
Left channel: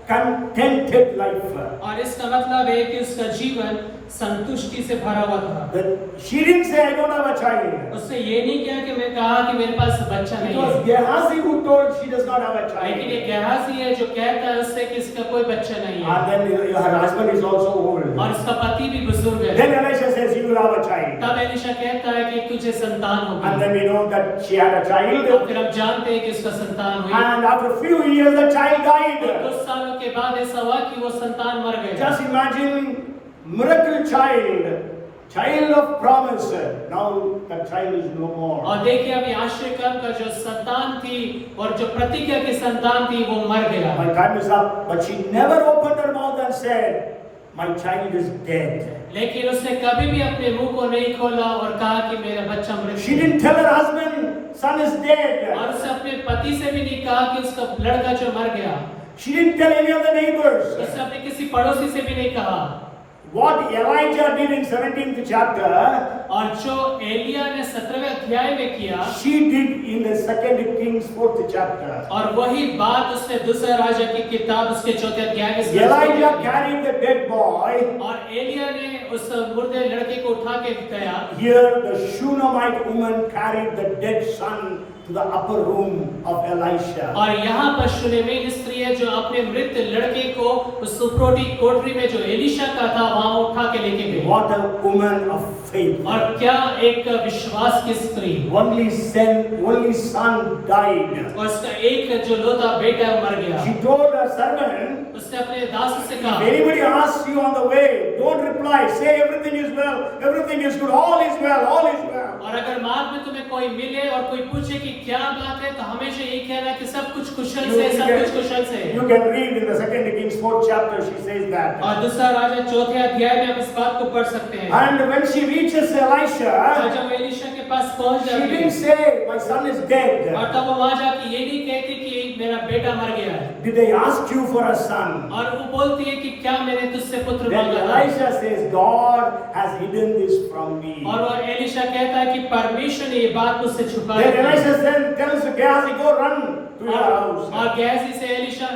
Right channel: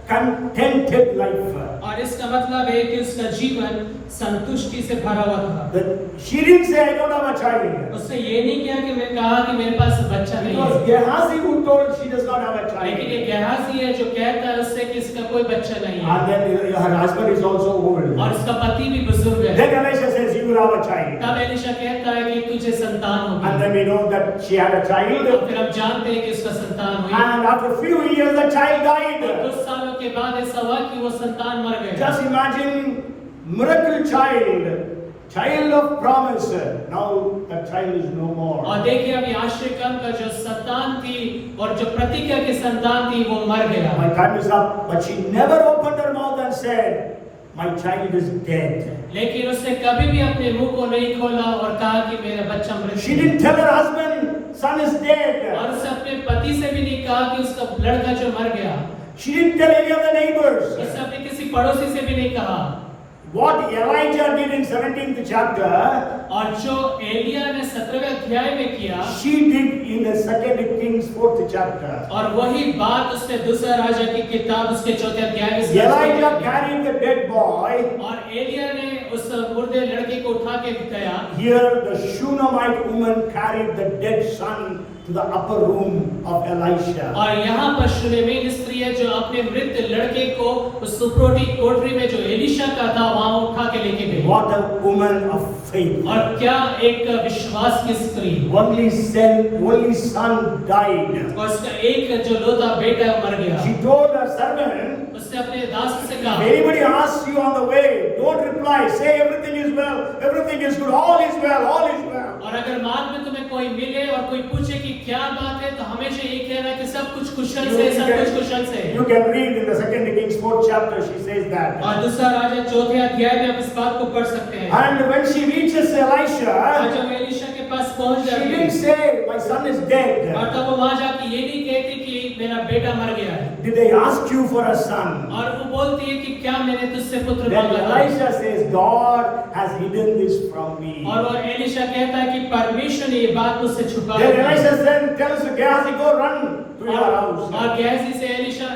contented life. और इसका मतलब है कि उसका जीवन संतुष्टि से भरा हुआ था। She didn't say, I don't have a child. उसने ये नहीं किया कि मैं कहा कि मेरे पास बच्चा It नहीं was है। Gehazi who told she does not have a लेकिन child. ये गेहाजी है जो कहता है उससे कि इसका कोई बच्चा नहीं है। And then her husband is also old. और उसका पति भी बुजुर्ग है। Then Elisha says, you will have a child. तब एलीशा कहता है कि तुझे संतान And होगी। then we know that she had a और child. फिर हम जानते हैं कि उसका संतान हुई। And after a few years, the child died. कुछ सालों के बाद ऐसा हुआ कि वो संतान मर गए। Just imagine, miracle child of promise. Now that child is no more. और देखिए अभी आश्चर्यकर्म का जो संतान थी और जो प्रतिज्ञा की संतान थी वो मर गया। My time is up. But she never opened her mouth and said, my child is dead. लेकिन उसने कभी भी अपने मुंह को नहीं खोला और कहा कि मेरा बच्चा मर She गया। didn't tell her husband, son is dead. और उसने अपने पति से भी नहीं कहा कि उसका लड़का जो मर गया। She didn't tell any of the neighbors. उसने अपने किसी पड़ोसी से भी नहीं कहा। What Elijah did in 17th chapter, और जो एलिया ने 17वें अध्याय में किया, she did in the 2 Kings 4th chapter. और वही बात उसने दूसरा राजा की किताब उसके 4th अध्याय में Elijah carried the dead boy. और एलिया ने उस मुर्दे लड़के को उठा के दिखाया। Here the Shunammite woman carried the dead son to the upper room of Elisha. और यहाँ पर शूनेमिन स्त्री है जो अपने मृत लड़के को उस सुप्रोटी कोठरी में जो एलीशा का था वहां उठा के लेके गई। What a woman of faith. और क्या एक विश्वास की स्त्री। Only son died. और उसका एक जो लोता बेटा मर गया। She told her servant, उसने अपने दास से कहा, anybody asks you on the way, don't reply. Say everything is well, everything is good, all is well, all is well. और अगर मार्ग में तुम्हें कोई मिले और कोई पूछे कि क्या बात है, तो हमेशा ये कहना है कि सब कुछ कुशल से, सब कुछ कुशल से। You can read in the 2 Kings 4th chapter, she says that. और दूसरा राजा 4th अध्याय में आप इस बात को पढ़ सकते हैं। And when she reaches Elisha, और जब एलीशा के पास पहुंच she जाती didn't है, say, my son is dead. और तब वो वहां जाके ये नहीं कहती कि मेरा बेटा मर गया है, Did they ask you for a son? और वो बोलती है कि क्या मैंने तुझसे पुत्र Then मांगा था? Elisha says, God has hidden this from me. और वो एलीशा कहता है कि परमेश्वर ने ये बात मुझसे छुपाई Then है। Elisha then tells Gehazi, go run to your house. और गेहजी से एलीशा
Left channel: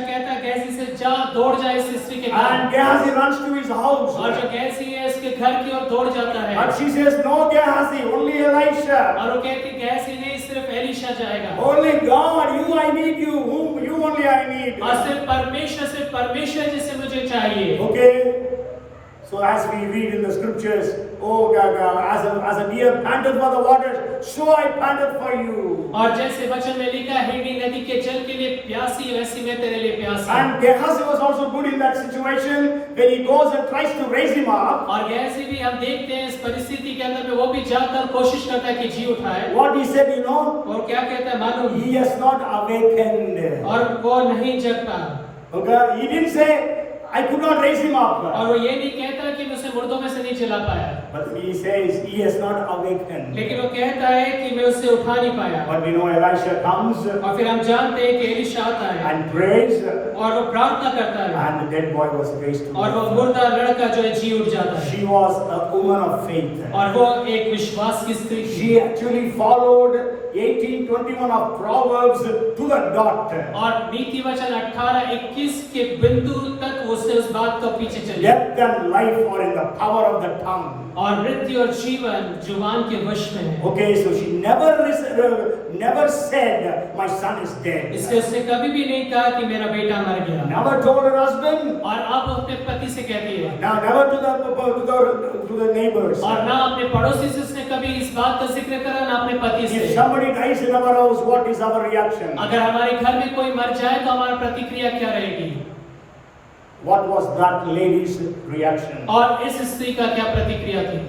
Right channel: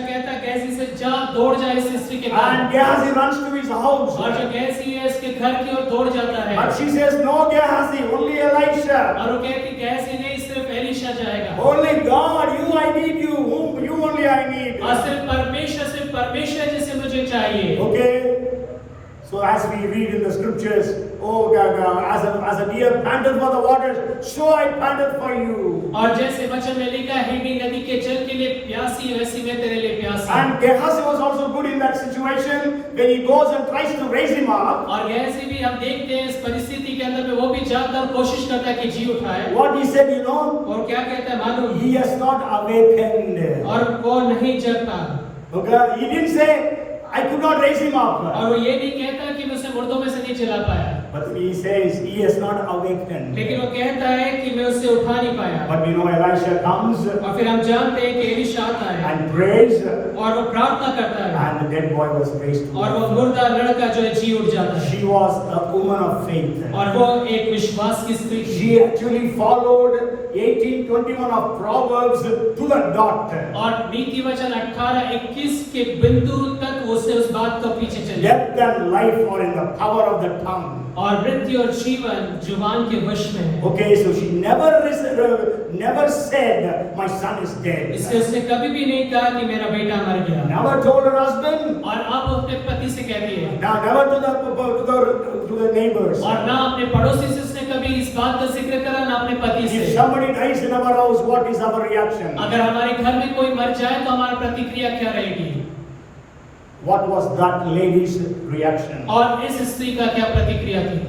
कहता है, गेहजी से जा, दौड़ जा इस स्त्री के घर। And Gehazi runs to his house. और जो गेहजी है उसके घर की ओर दौड़ जाता है। But she says, no Gehazi, only Elisha. और वो कहती, गेहजी नहीं, सिर्फ एलीशा जाएगा। Only God, you I need you. You only I need. और सिर्फ परमेश्वर जिसे मुझे चाहिए। Okay. So as we read in the scriptures, oh God, as a deer panted for the waters, so I panted for you. और जैसे वचन में लिखा है, हिब्री नदी के जल के लिए प्यासी, वैसी मैं तेरे लिए प्यासा। And Gehazi was also good in that situation when he goes and tries to raise him up. और गेहजी भी हम देखते हैं इस परिस्थिति के अंदर में वो भी जाकर कोशिश करता है कि जी उठाए। What he said, you know, और क्या कहता है मालूम? he has not awakened. और वो नहीं जगता। Okay, he didn't say, I could not raise him up. और वो ये नहीं कहता कि मुझे मुर्दों में से नहीं चला पाया, But he says, he has not awakened. लेकिन वो कहता है कि मैं उससे उठा नहीं पाया। But we know Elisha comes और फिर हम जानते हैं कि एलीशा आता है and prays, और वो प्रार्थना करता है, and the dead boy was raised to और वो life. मुर्दा लड़का जो है जी उठ जाता है। She was a woman of faith. और वो एक विश्वास की स्त्री थी। She actually followed 18:21 of Proverbs to the dot. और नीति वचन 18:21 के बिंदु तक उसने उस बात को पीछे चली। Death and life are in the power of the tongue. और मृत्यु और जीवन जुबान के वश में है। Okay, so she never said, my son is dead. इसलिए उसने कभी भी नहीं कहा कि मेरा बेटा मर गया। Never told her husband. और अब अपने पति से कहती है, Now never to the neighbors. और ना अपने पड़ोसी से उसने कभी इस बात का जिक्र करा, ना अपने पति से। If somebody dies in our house, what is our reaction? अगर हमारे घर में कोई मर जाए तो हमारा प्रतिक्रिया क्या रहेगी? What was that lady's reaction? और इस स्त्री का क्या प्रतिक्रिया थी?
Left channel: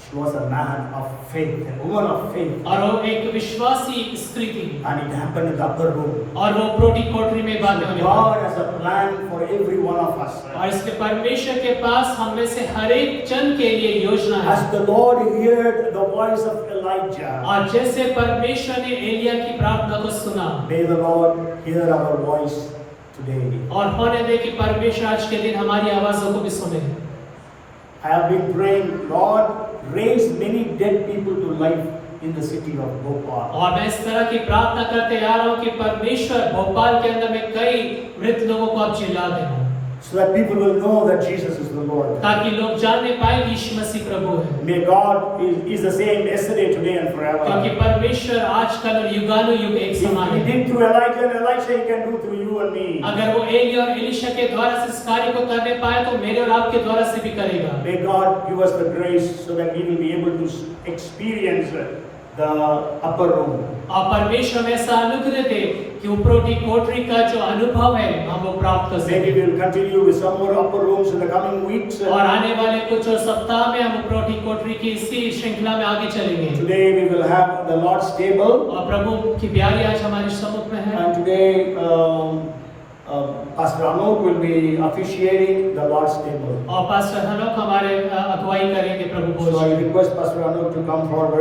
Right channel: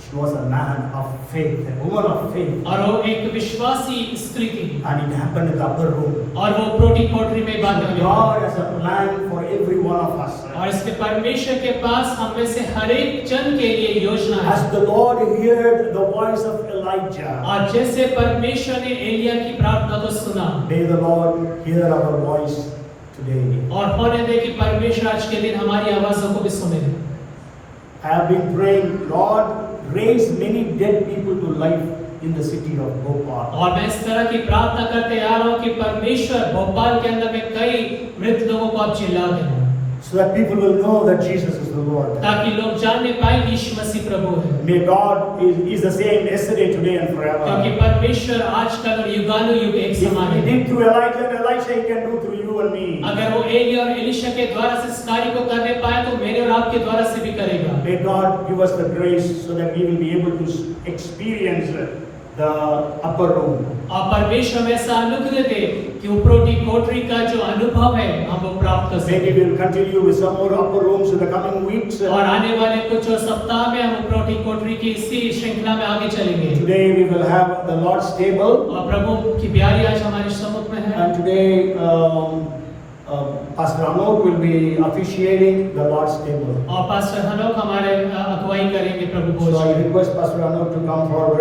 She was a man of faith, a woman of faith. और वो एक विश्वासी स्त्री थी। And it happened in the upper room. और वो प्रोटी कोठरी में बात करने लगी। God has a plan for every one of us. और इसलिए परमेश्वर के पास हम में से हर एक जन के लिए योजना है। As the Lord heard the voice of Elijah, और जैसे परमेश्वर ने एलिया की प्रार्थना को सुना, may the Lord hear our voice today. और होने दे कि परमेश्वर आज के दिन हमारी आवाज़ों को भी सुने। I have been praying, Lord, raise many dead people to life in the city of Bhopal. और मैं इस तरह की प्रार्थना करते आ रहा हूँ कि परमेश्वर भोपाल के अंदर में कई मृत लोगों को आप जिला दें, So that people will know that Jesus is the Lord. ताकि लोग जानने पाए कि यीशु मसीह प्रभु है। May God is the same yesterday, today and forever. क्योंकि परमेश्वर आजकल और युगानुयुग एक समान He है। did through Elijah and Elisha, He can do through you and me. अगर वो एलिया और एलीशा के द्वारा से इस कार्य को करने पाए तो मेरे और आपके द्वारा से भी करेगा। May God give us the grace so that we will be able to experience the upper room. और परमेश्वर में ऐसा अनुग्रह दे कि ऊपरोटी कोठरी का जो अनुभव है हम वो प्राप्त कर Maybe सकें। we will continue with some more upper rooms in the coming weeks. और आने वाले कुछ और सप्ताह में हम ऊपरोटी कोठरी की इसी श्रृंखला में आगे चलेंगे। Today we will have the Lord's table. और प्रभु की ब्यारी आज हमारे सम्मुख में है। And today Pastor Anok will be officiating the Lord's table. और पास्टर हनोक हमारे अगुवाई करेंगे प्रभु So भोज I में। request Pastor Anok to come forward.